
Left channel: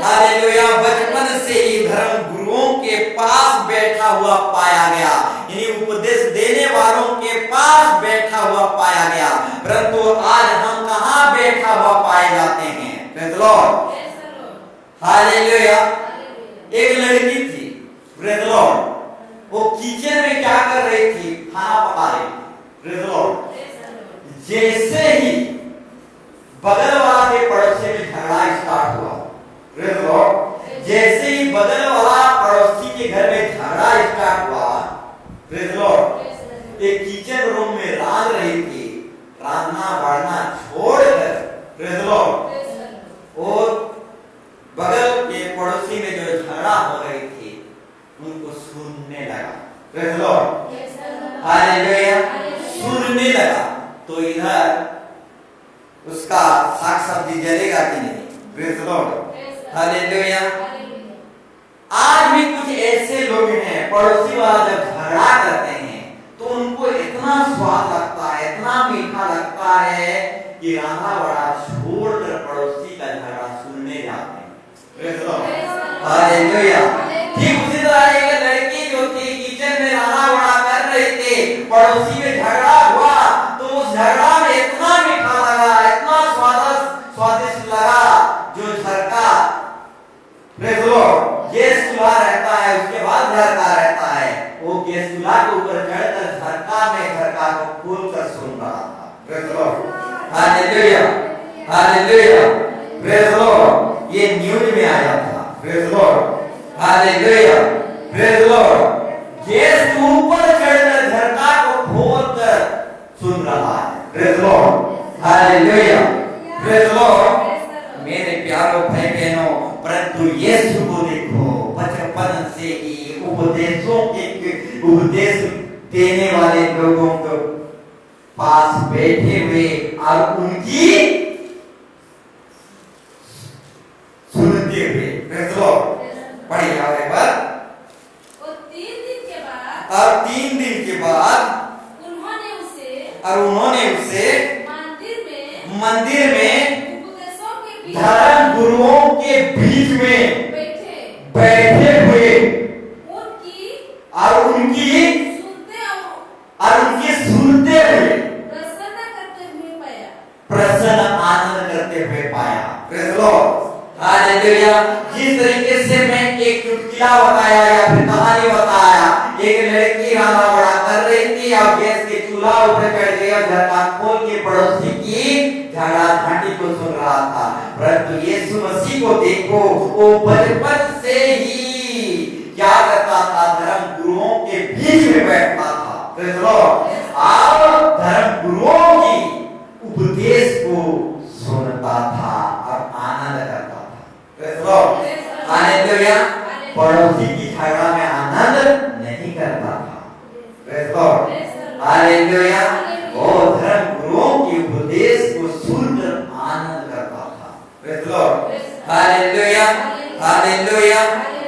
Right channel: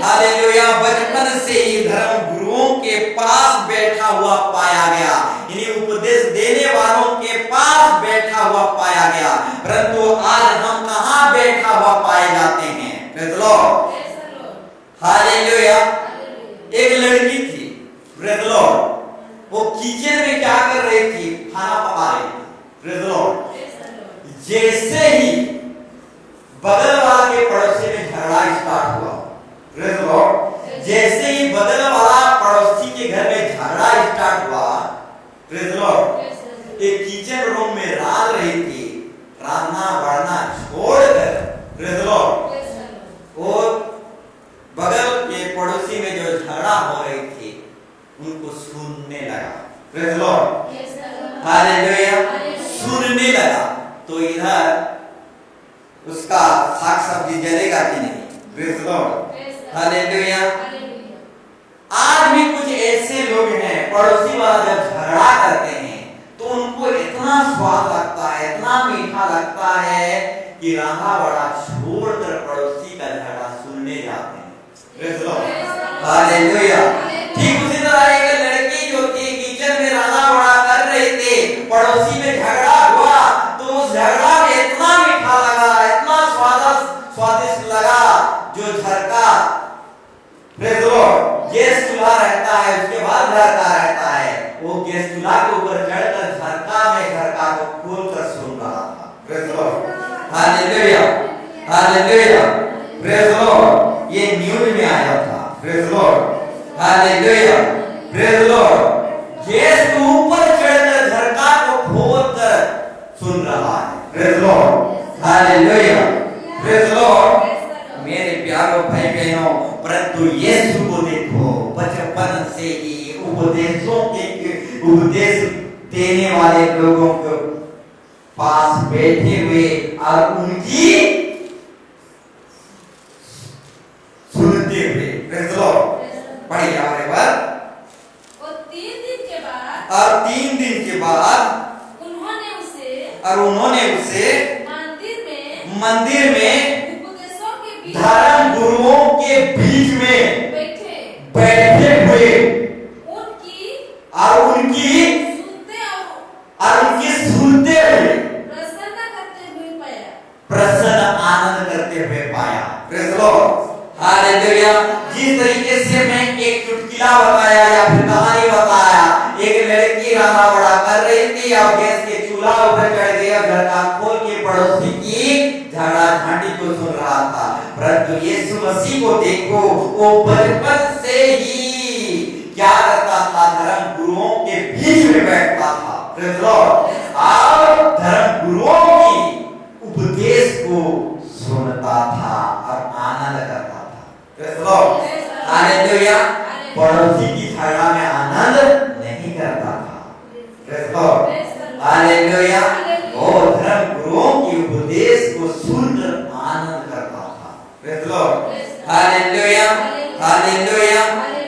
hallelujah. बचपन से ही धर्म गुरुओं के पास बैठा हुआ पाया गया, यानी उपदेश देने वालों के पास बैठा हुआ पाया गया। परंतु आज हम कहाँ बैठा हुआ पाए जाते हैं? Praise the lord. हालेलुया। एक लड़की थी, प्रेज द लॉर्ड। वो किचन में क्या कर रही थी? खाना पका रही थी। Praise the Lord. जैसे ही बगल वाला के पड़ोसी में झगड़ा स्टार्ट हुआ, प्रेज द लॉर्ड, जैसे ही बगल वाला पड़ोसी के घर में झगड़ा स्टार्ट हुआ, प्रेज द लॉर्ड, एक किचन रूम में रांध रही थी, रांधना बढ़ना छोड़कर, प्रेज द लॉर्ड, और बगल के पड़ोसी में जो झगड़ा हो रही थी उनको सुनने लगा। प्रेज द लॉर्ड, हालेलुया, सुनने लगा। तो इधर उसका साग सब्जी जलेगा कि नहीं? Praise the lord, hallelujah. आज भी कुछ ऐसे लोग हैं, पड़ोसी वाला जब झगड़ा करते हैं तो उनको इतना स्वाद लगता है, इतना मीठा लगता है कि रंधा बड़ा छोड़कर पड़ोसी का झगड़ा सुनने जाते हैं। Praise the lord, hallelujah. ठीक उसी तरह एक लड़की जो थी किचन में रंधा बड़ा कर रही थी, पड़ोसी में झगड़ा हुआ तो उस झगड़ा में इतना मीठा लगा, इतना स्वादिष्ट लगा, जो झरका, प्रेज द लॉर्ड, गैस चूल्हा रहता है, उसके बाद घर का रहता है, वो गैस चूल्हा के ऊपर चढ़कर झरका को खोलकर सुन रहा था। Praise the lord, hallelujah, hallelujah, praise the Lord. ये न्यूज में आया था। Praise the lord, hallelujah, praise the Lord. Gas के ऊपर चढ़कर झरका को खोलकर सुन रहा है। Praise the lord, hallelujah, praise the Lord. मेरे प्यारों भाई बहनों, परंतु यीशु को देखो, बचपन से ही उपदेश देने वाले लोगों को पास बैठे हुए और उनकी सुनते हुए। प्रेज द लॉर्ड, पढ़िए आगे पर। और 3 दिन के बाद, और 3 दिन के बाद उन्होंने उसे मंदिर में धर्म गुरुओं के बीच में बैठे हुए और उनकी सुनते हुए प्रसन्न आनंद करते हुए पाया। Praise the lord, hallelujah. जिस तरीके से मैं एक चुटकुला बताया या फिर कहानी बताया, एक लड़की रांधा बड़ा कर रही थी और गैस के चूल्हा ऊपर चढ़ गई और झरका खोल के पड़ोसी की झगड़ा झांटी को सुन रहा था। परंतु यीशु मसीह को देखो, वो बचपन से ही क्या करता था? धर्म गुरुओं के बीच में बैठता था। प्रेज द लॉर्ड, और धर्म गुरुओं की उपदेश को सुनता था और आनंद करता था। Praise the lord, hallelujah. पड़ोसी की झगड़ा में आनंद नहीं करता था। Praise the lord, hallelujah. और धर्म गुरुओं की उपदेश को सुनकर आनंद करता था। Praise the lord, hallelujah, hallelujah.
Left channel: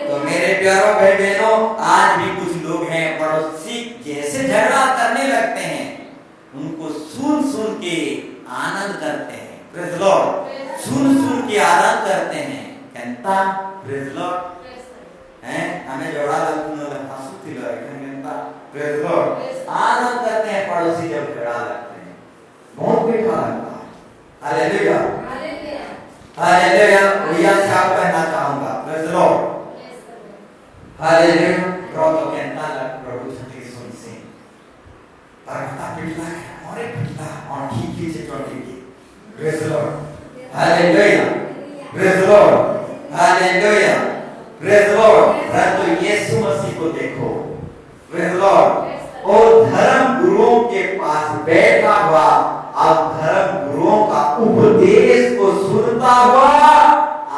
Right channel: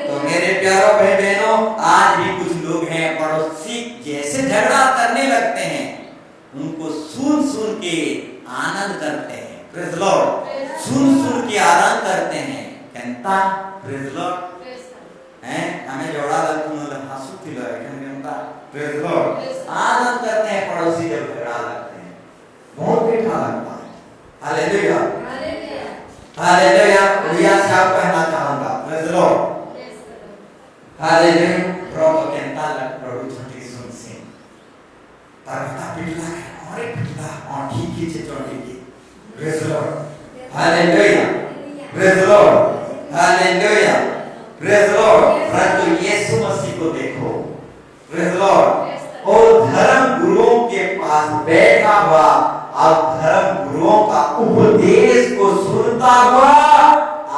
तो मेरे प्यारों भाई बहनों, आज भी कुछ लोग हैं, पड़ोसी जैसे झगड़ा करने लगते हैं उनको सुन सुन के आनंद करते हैं। प्रेज द लॉर्ड, सुन के आनंद करते हैं। कहता प्रेज द लॉर्ड हैं, हमें जोड़ा लगता हंसू थी लगे कहता प्रेज द लॉर्ड, आनंद करते हैं पड़ोसी जब झगड़ा लगते हैं, बहुत मीठा लगता है। Hallelujah, hallelujah. भैया साहब कहना चाहूंगा, प्रेज द लॉर्ड, हालेलुया। प्रभु कहता है प्रभु छठी सुन से परता पिटला है और एक पिटला और ठीक ही से चोटी की। Praise the lord, hallelujah, praise the lord, hallelujah, praise the Lord. परंतु यीशु मसीह को देखो, प्रेज द लॉर्ड, और धर्म गुरुओं के पास बैठा हुआ और धर्म गुरुओं का उपदेश को सुनता हुआ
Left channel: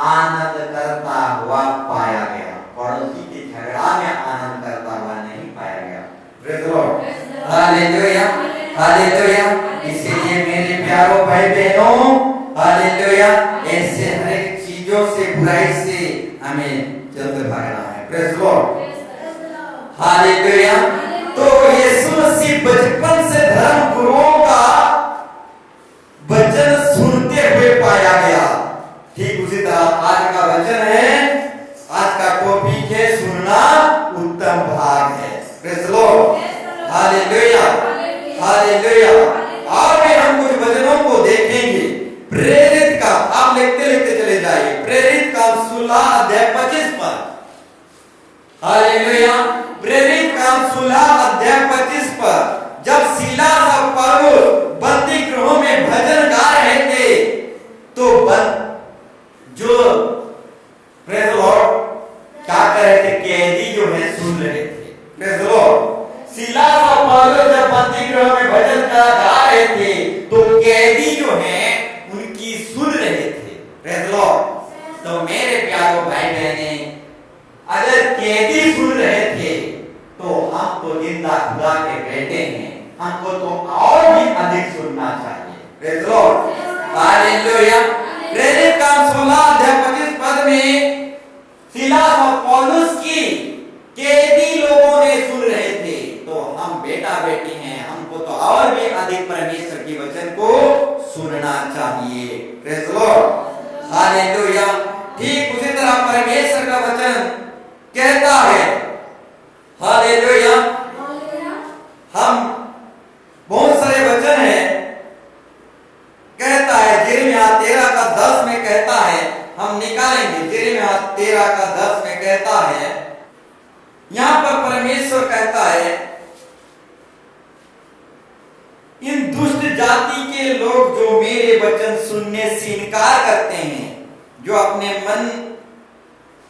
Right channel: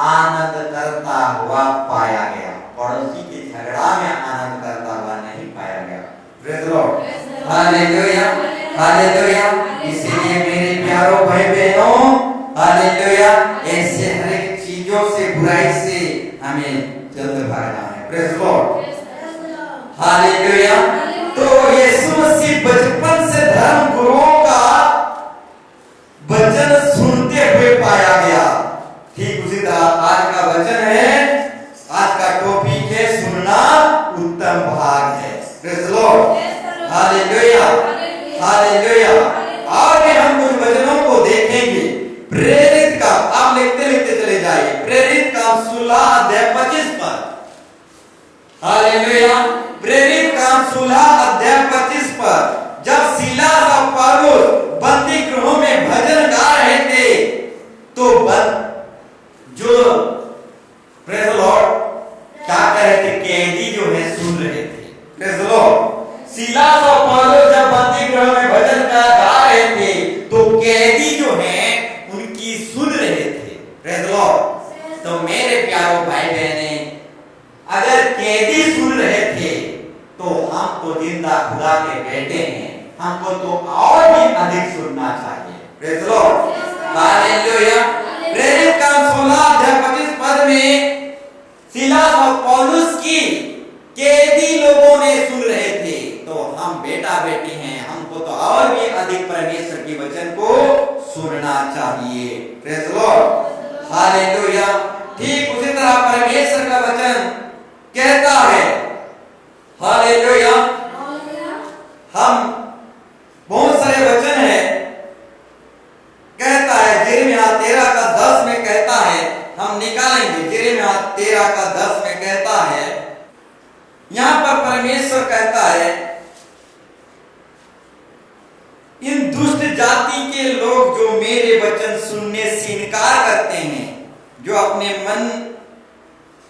आनंद करता हुआ पाया गया। पड़ोसी के झगड़ा में आनंद करता हुआ नहीं पाया गया। Praise the lord, hallelujah, hallelujah. इसलिए मेरे प्यारों भाई बहनों, हालेलुया, ऐसे हर एक चीजों से, बुराई से हमें जल्द भागना है। Praise the lord, hallelujah. तो यीशु मसीह बचपन से धर्म गुरुओं का वचन सुनते हुए पाया गया। ठीक उसी तरह आज का वचन है, आज का टॉपिक है सुनना उत्तम भाग है। Praise the lord, hallelujah, hallelujah. आगे हम कुछ वचनों को देखेंगे। प्रेरित का, आप लिखते लिखते चले जाइए, प्रेरित का 16 अध्याय 25 पर। हालेलुया। हालेलुया। प्रेरित काम 16 अध्याय 25 पद, जब सीलास और पौलुस बंदी गृहों में भजन गा रहे थे तो जो प्रेज द लॉर्ड क्या कर रहे थे, कैदी जो है सुन रहे थे। Praise the Lord. सीलास और पौलुस जब बंदी गृह में भजन गा रहे थे तो कैदी जो है उनकी सुन रहे थे। Praise the Lord. तो मेरे प्यारो भाई बहने, अगर कैदी सुन रहे थे तो हम तो जिंदा खुदा के बेटे हैं, हमको तो और भी अधिक सुनना चाहिए। Praise the lord. हालेलुया। प्रेरित काम 16 अध्याय 25 पद में सीलास और पौलुस की कैदी लोगों ने सुन रहे थे, तो हम बेटा बेटी हैं, हमको तो और भी अधिक परमेश्वर के वचन को सुनना चाहिए। Praise the lord. हालेलुया। ठीक उसी तरह परमेश्वर का वचन कहता है, हालेलुया, हम बहुत सारे वचन है, कहता है यिर्मयाह 13 का 10 में कहता है, हम निकालेंगे यिर्मयाह 13 का 10 में कहता है, यहां पर परमेश्वर कहता है, इन दुष्ट जाति के लोग जो मेरे वचन सुनने से इनकार करते हैं, जो अपने मन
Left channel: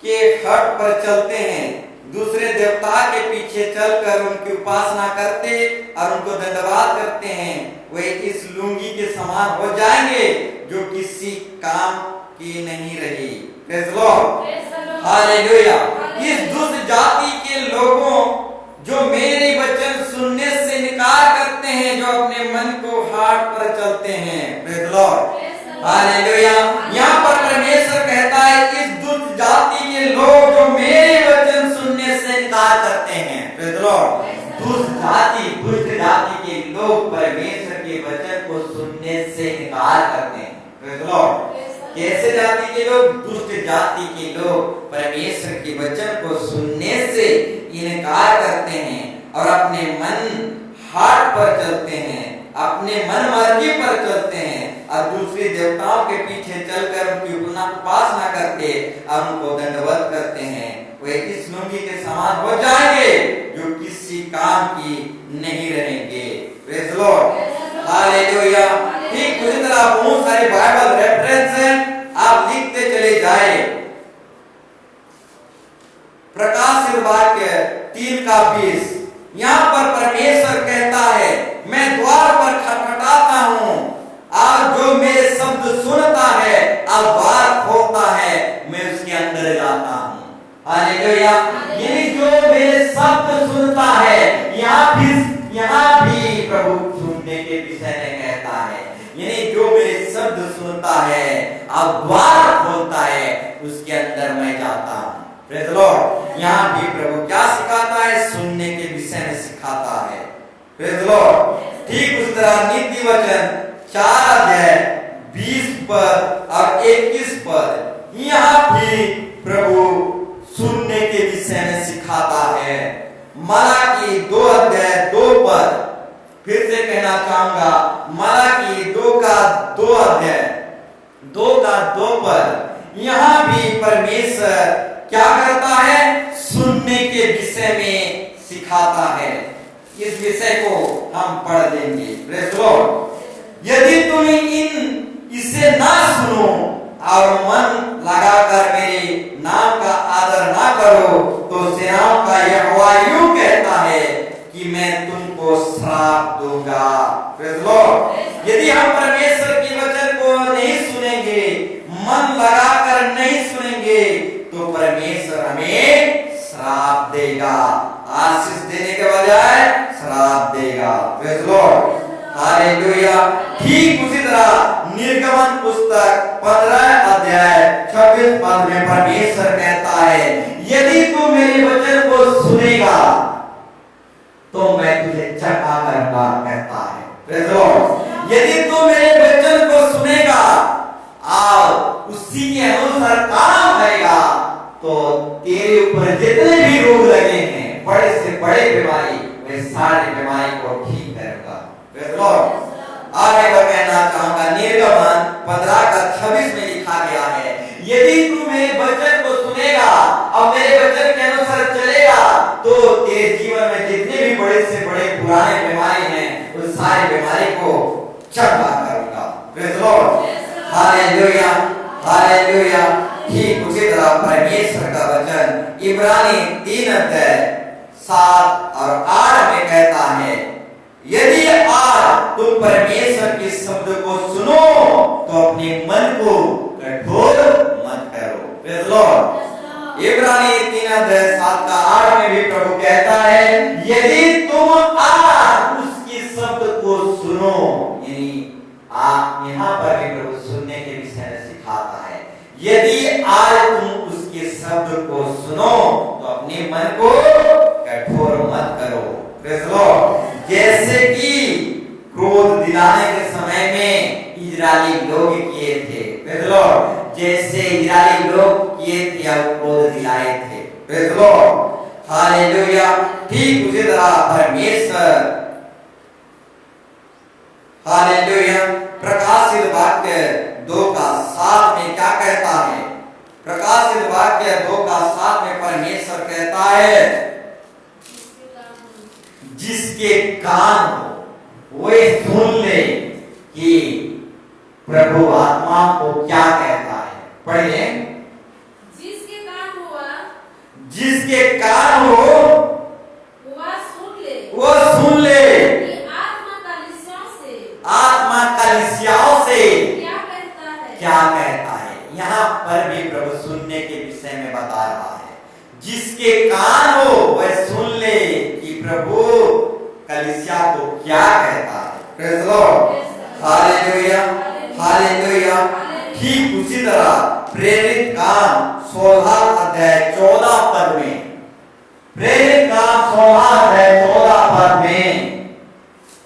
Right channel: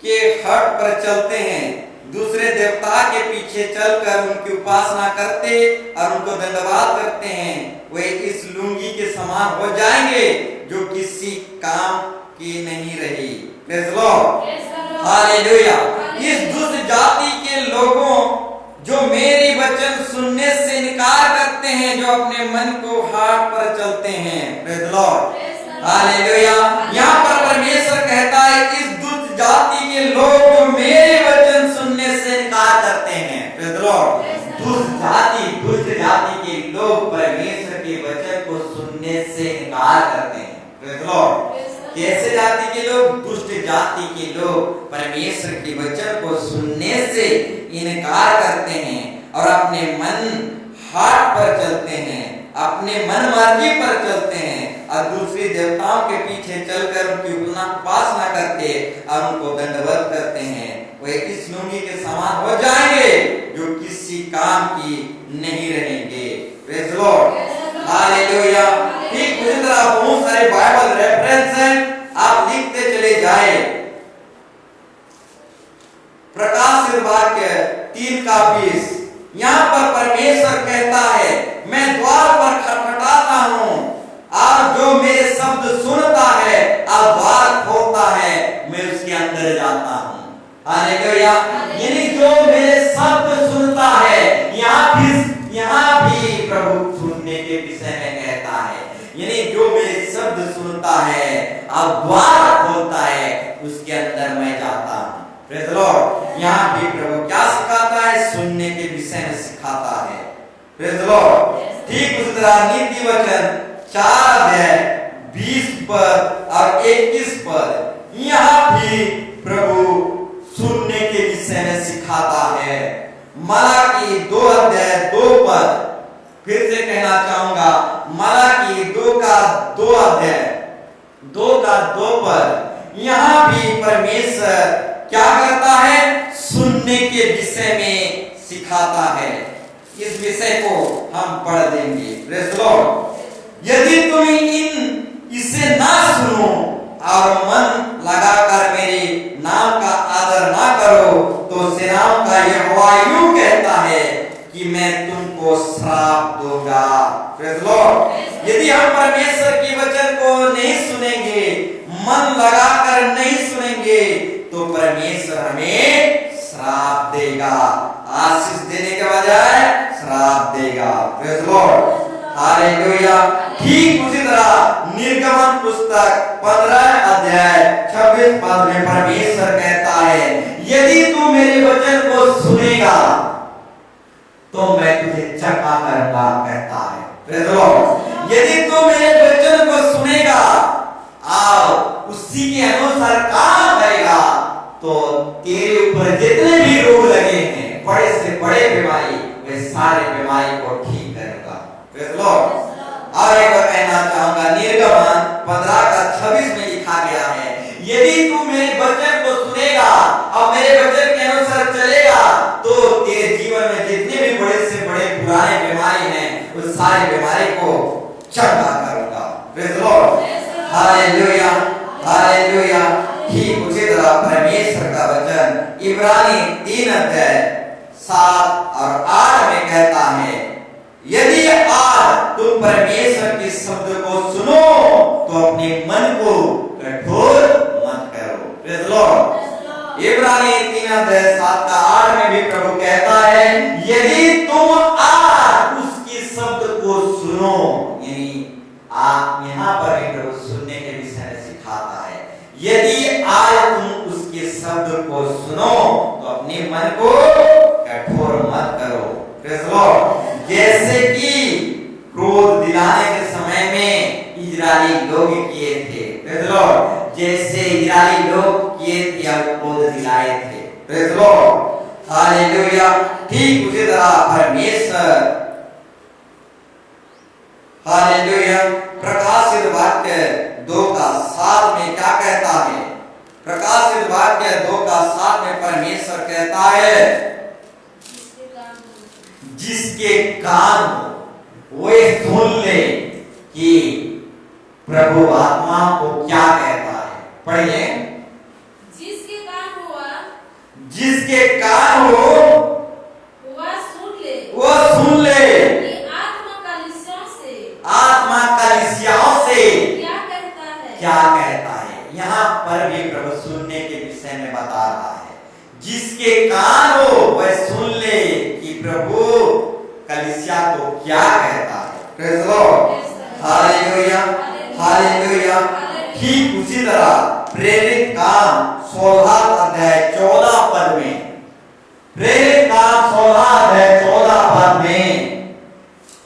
के हट पर चलते हैं, दूसरे देवता के पीछे चलकर उनकी उपासना करते और उनको दंडवात करते हैं, वे इस लुंगी के समान हो जाएंगे जो किसी काम की नहीं रही। Praise the lord. हालेलुया। इस दुष्ट जाति के लोगों जो मेरे वचन सुनने से इनकार करते हैं, जो अपने मन को हाट पर चलते हैं। Praise the lord. हालेलुया। यहाँ पर परमेश्वर कहता है, इस दुष्ट जाति के लोग जो मेरे वचन सुनने से इनकार करते हैं। Praise the Lord. दुष्ट जाति के लोग परमेश्वर के वचन को सुनने से इनकार करते हैं। Praise the Lord. कैसे जाति के लोग? दुष्ट जाति के लोग परमेश्वर के वचन को सुनने से इनकार करते हैं और अपने मन हाट पर चलते हैं, अपने मन मर्जी पर चलते हैं और दूसरे देवताओं के पीछे चलकर उनकी उपासना करते और उनको दंडवत करते हैं। वे इस लुंगी के समान हो जाएंगे जो किसी काम की नहीं रहेंगे। Praise the lord. हालेलुया। ठीक उसी तरह बहुत सारे बाइबल रेफरेंस हैं, आप लिखते चले जाए। प्रकाशित वाक्य 3 का 20, यहाँ पर परमेश्वर कहता है, मैं द्वार पर खटखटाता हूँ और जो मेरे शब्द सुनता है और द्वार खोलता है, मैं उसके अंदर जाता हूँ। हालेलुया। यानी जो मेरे शब्द सुनता है, यहाँ भी प्रभु सुनने के विषय में कहता है, यानी जो मेरे शब्द सुनता है और द्वार खोलता है, उसके अंदर मैं जाता हूँ। Praise the Lord. यहाँ भी प्रभु क्या सिखाता है? सुनने के विषय में सिखाता है। Praise the Lord. ठीक उस तरह नीति वचन 4 अध्याय 20 पद और 21 पद, यहाँ भी प्रभु सुनने के विषय में सिखाता है। मलाकी 2 अध्याय 2 पद, फिर से कहना चाहूंगा, मलाकी 2 का 2 अध्याय 2 का 2 पद, यहाँ भी परमेश्वर क्या करता है? सुनने के विषय में सिखाता है। इस विषय को हम पढ़ देंगे। Praise the Lord. यदि तुम इसे ना सुनो और मन लगाकर मेरे नाम का आदर ना करो, तो सेनाओं का यहोवा यूं कहता है कि मैं तुमको श्राप दूंगा। Praise the Lord. यदि हम परमेश्वर के वचन को नहीं सुनेंगे, मन लगाकर नहीं सुनेंगे, तो परमेश्वर हमें श्राप देगा। आशीष देने के बजाय श्राप देगा। Praise the lord. हालेलुया। ठीक उसी तरह निर्गमन पुस्तक 15 अध्याय 26 पद में परमेश्वर कहता है, यदि तू मेरे वचन को सुनेगा तो मैं तुझे चंगा करूंगा, कहता है। Praise the Lord. यदि तू मेरे वचन को सुनेगा और उसी के अनुसार काम करेगा, तो तेरे ऊपर जितने भी रोग लगे हैं, बड़े से बड़े बीमारी, वे सारे बीमारी को ठीक करेगा। Praise the Lord. और एक बार कहना चाहूंगा, निर्गमन 15 का 26 में लिखा गया है, यदि तू मेरे वचन को सुनेगा और मेरे वचन के अनुसार चलेगा, praise the lord, hallelujah, hallelujah. ठीक उसी तरह परमेश्वर का वचन इब्रानी 3 अध्याय 7 और 8 में कहता है, यदि आज तुम परमेश्वर के शब्द को सुनो तो अपने मन को कठोर मत करो। Praise the Lord. इब्रानी 3 अध्याय 7 का 8 में भी प्रभु कहता है, यदि तुम आज उसकी शब्द को सुनो, यानी आप यहाँ पर भी प्रभु सुनने के विषय में सिखाता है, यदि आज तुम उसके शब्द को सुनो तो अपने मन को कठोर मत करो। Praise the Lord. जैसे कि क्रोध दिलाने के समय में इजरायली लोग किए थे, प्रेज द लॉर्ड, जैसे इजरायली लोग किए थे या क्रोध दिलाए थे। Praise the lord, hallelujah. ठीक उसी तरह परमेश्वर, हालेलुया, प्रकाशित वाक्य 2:7 में क्या कहता है? प्रकाशित वाक्य 2:7 में परमेश्वर कहता है, जिसके कान हो वे सुन ले कि प्रभु आत्मा को क्या कहता है। पढ़िए, जिसके कान हुआ, जिसके कान हो वह सुन ले, वो सुन ले कि आत्मा कलीसियाओं से, आत्मा कलीसियाओं से क्या कहता है, क्या कहता है। यहाँ पर भी प्रभु सुनने के विषय में बता रहा है, जिसके कान हो वह सुन ले कि प्रभु कलीसिया को क्या कहता है। Praise the lord, hallelujah, hallelujah. ठीक उसी तरह प्रेरित काम 16 अध्याय 14 पद में, प्रेरित काम 16 अध्याय 14 पद में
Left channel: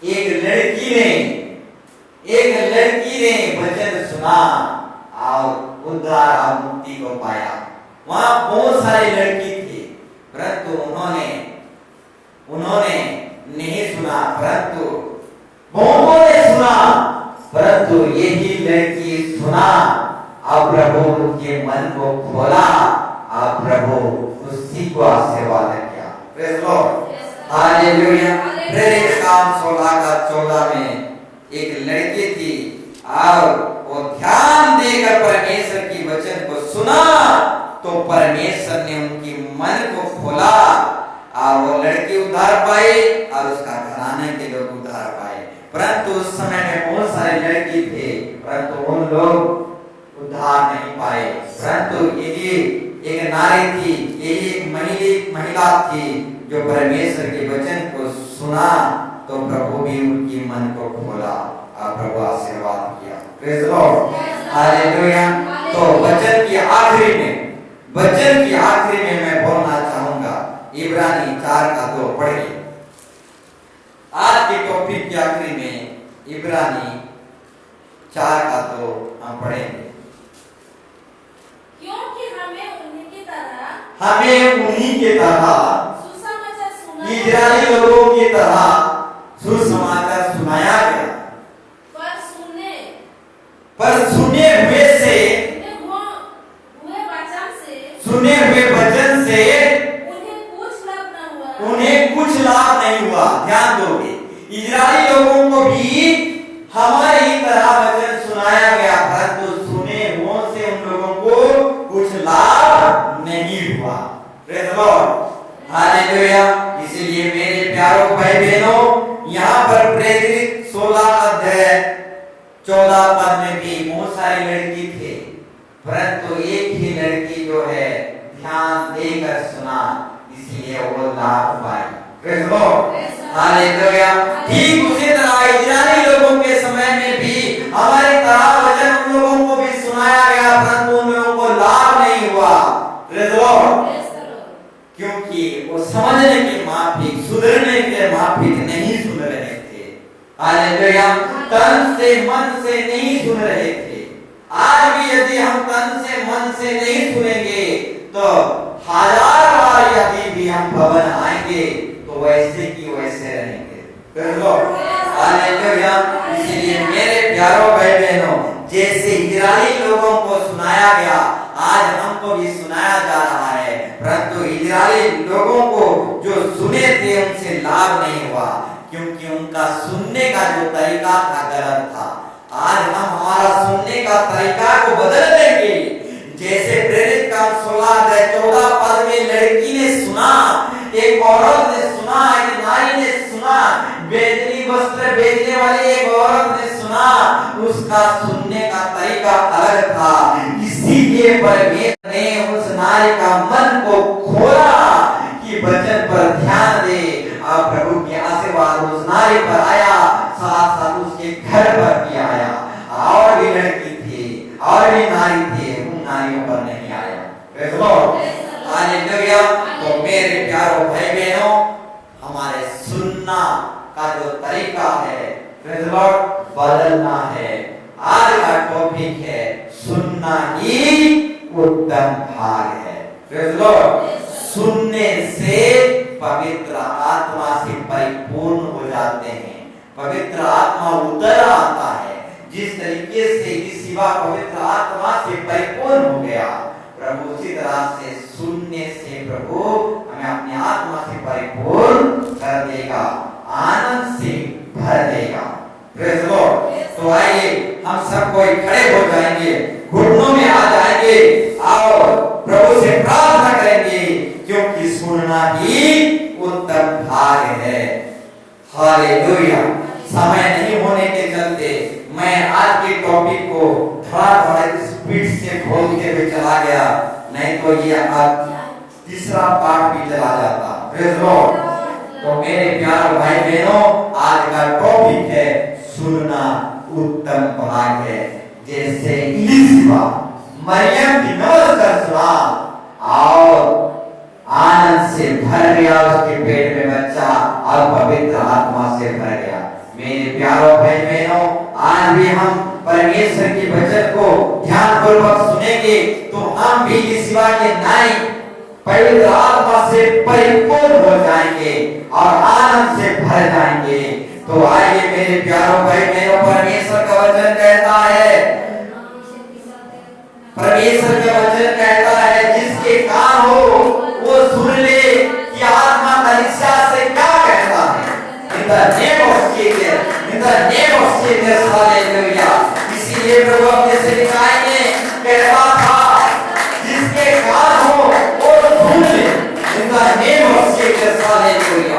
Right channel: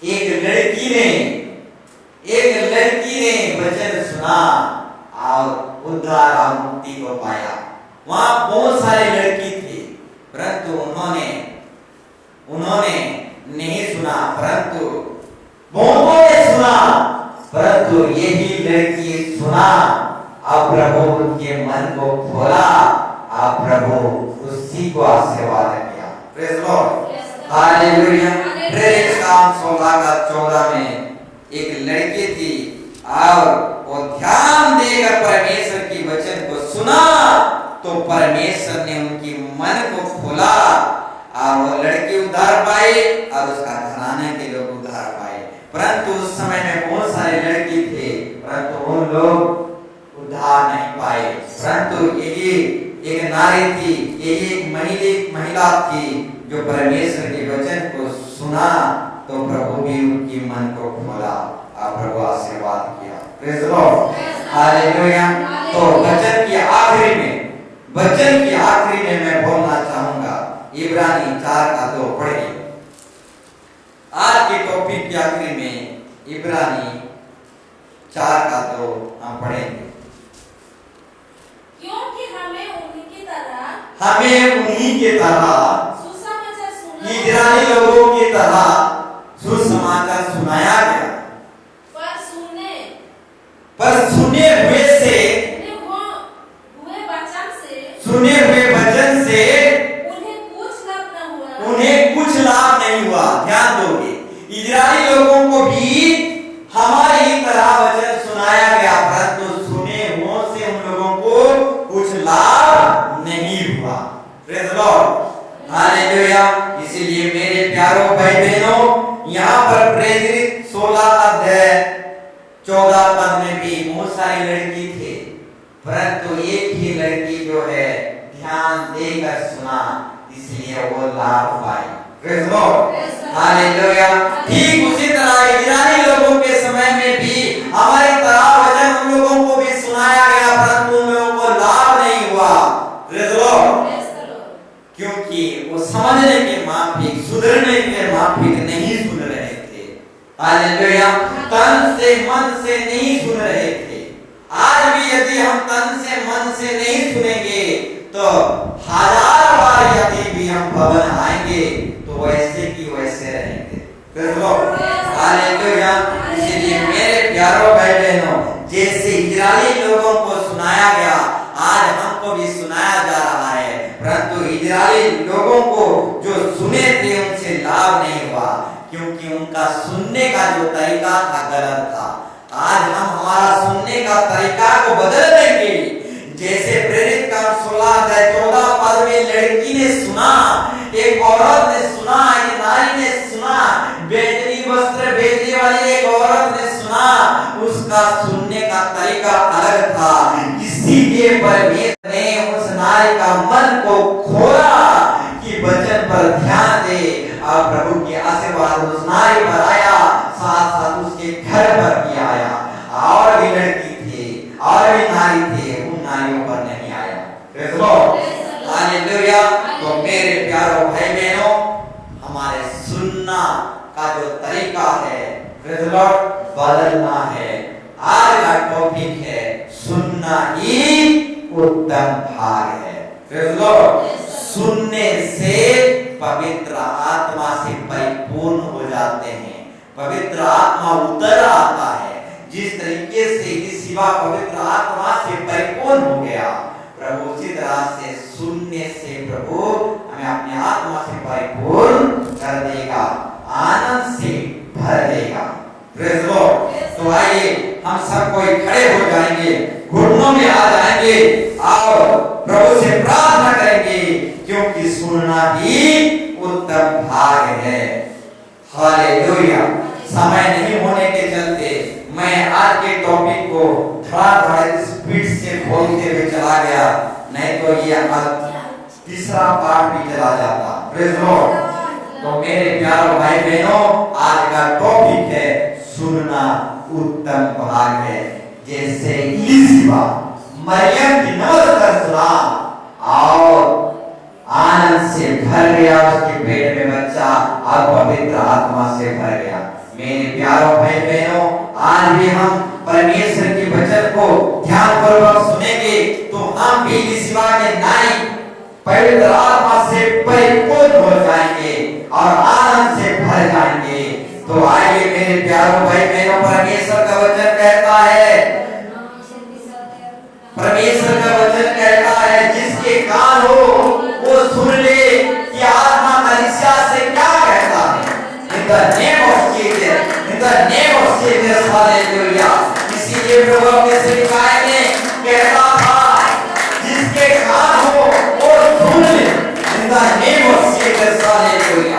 एक लड़की ने वचन सुना और उद्धार और मुक्ति को पाया। वहां बहुत सारे लड़की थे, परंतु उन्होंने नहीं सुना, परंतु बहुतों ने सुना, परंतु यही लड़की सुना और प्रभु उनके मन को खोला और प्रभु उसी को आशीर्वाद किया। Praise the lord, hallelujah. प्रेरित काम 16:14 में एक लड़की थी और वो ध्यान देकर परमेश्वर की वचन को सुना तो परमेश्वर ने उनकी मन को खोला और वो लड़की उद्धार पाई और उसका घराने के लोग उद्धार पाए। परंतु उस समय में बहुत सारे लड़की थे, परंतु उन लोग उद्धार नहीं पाए। परंतु यही एक नारी थी, यही एक महिला थी जो परमेश्वर के वचन को सुना तो प्रभु भी उनकी मन को खोला और प्रभु आशीर्वाद किया। Praise the lord, hallelujah. तो वचन की आखिरी में मैं बोलना चाहूंगा इब्रानी 4:2 पढ़िए। आज के टॉपिक के आखिरी में इब्रानी 4:2 हम पढ़ेंगे। क्योंकि हमें उन्हीं की तरह सुसमाचार सुनाया, इजरायली लोगों की तरह सुसमाचार सुनाया गया, पर सुने हुए वचन से उन्हें कुछ लाभ नहीं हुआ। ध्यान दोगे, इजरायली लोगों को भी हमारी ही तरह वचन सुनाया गया, परंतु सुने हुओं से उन लोगों को कुछ लाभ नहीं हुआ। Praise the lord, hallelujah. इसलिए मेरे प्यारों भाई बहनों, यहाँ पर प्रेरित 16 अध्याय 14 पद में भी बहुत सारी लड़की थे, परंतु एक ही लड़की जो है ध्यान देकर सुना, इसलिए वो लाभ पाई। Praise the lord, hallelujah. ठीक उसी तरह इजरायली लोगों के समय में भी हमारी तरह वचन उन लोगों को भी सुनाया गया, परंतु उन लोगों को लाभ नहीं हुआ। प्रेज द लॉर्ड, क्योंकि वो समझने के माफिक, सुधरने के माफिक नहीं सुन रहे थे। हालेलुया, तन से मन से नहीं सुन रहे थे। आज भी यदि हम तन से मन से नहीं सुनेंगे तो 1000 बार यदि भी हम भवन आएंगे तो वैसे की वैसे रहेंगे। हालेलुया। इसलिए मेरे प्यारों भाई बहनों, जैसे इजरायली लोगों को सुनाया गया, आज हमको भी सुनाया जा रहा है, परंतु इजरायली लोगों को जो सुने थे उनसे लाभ नहीं हुआ, क्योंकि उनका सुनने का जो तरीका था गलत था। आज हम हमारा सुनने का तरीका को बदल देंगे। जैसे प्रेरित काम 16-14 पद में लड़की ने सुना, एक औरत ने सुना, एक नारी ने सुना, बेचनी वस्त्र बेचने वाली एक औरत ने सुना, उसका सुनने का तरीका अलग था। इसीलिए परमेश्वर ने उस नारी का मन को खोला कि वचन पर ध्यान दे, और प्रभु की आशीर्वाद उस नारी पर आया, साथ साथ उसके घर पर भी आया। और भी लड़की थी और भी नारी थे, उन नारियों पर नहीं आया। Praise the lord, hallelujah. तो मेरे प्यारों भाई बहनों, हमारे सुनना का जो तरीका है, प्रेज़ द लॉर्ड, बदलना है। आज का टॉपिक है सुनना ही उत्तम भाग है। प्रेज़ द लॉर्ड, सुनने से पवित्र आत्मा से परिपूर्ण हो जाते हैं, पवित्र आत्मा उतर आता है। जिस तरीके से यीशुआ पवित्र आत्मा से परिपूर्ण हो गया, प्रभु उसी तरह से सुनने से प्रभु हमें अपनी आत्मा से परिपूर्ण कर देगा, आनंद से भर देगा। Praise the Lord. तो आइए हम सब कोई खड़े हो जाएंगे, घुटनों में आ जाएंगे और प्रभु से प्रार्थना करेंगे, क्योंकि सुनना ही उत्तम भाग है। हालेलुया। समय नहीं होने के चलते मैं आज के टॉपिक को थोड़ा स्पीड से बोलते हुए चला गया, नहीं तो ये आज तीसरा पार्ट भी चला जाता। Praise the Lord. तो मेरे प्यारे भाई बहनों, आज का टॉपिक है सुनना उत्तम भाग है। जैसे इलीशिबा मरियम की नमस्कार सुना और आनंद से भर गया, उसके पेट में बच्चा और पवित्र आत्मा से भर गया। मेरे प्यारों भाई बहनों, आज भी हम परमेश्वर के वचन को ध्यानपूर्वक सुनेंगे तो हम भी इलीशिबा के नाई पवित्र आत्मा से परिपूर्ण हो जाएंगे और आनंद से भर जाएंगे। तो आइए मेरे प्यारों भाई बहनों, परमेश्वर का वचन कहता है, परमेश्वर का वचन कहता है, जिसके कान हो वो सुन ले कि आत्मा कलीसिया से क्या कहता है। In the name of Jesus, in the name of Jesus, hallelujah। इसीलिए प्रभु अपने सेवकाई में कहता था, जिसके कान हो वो सुन ले। In the name of Jesus, hallelujah।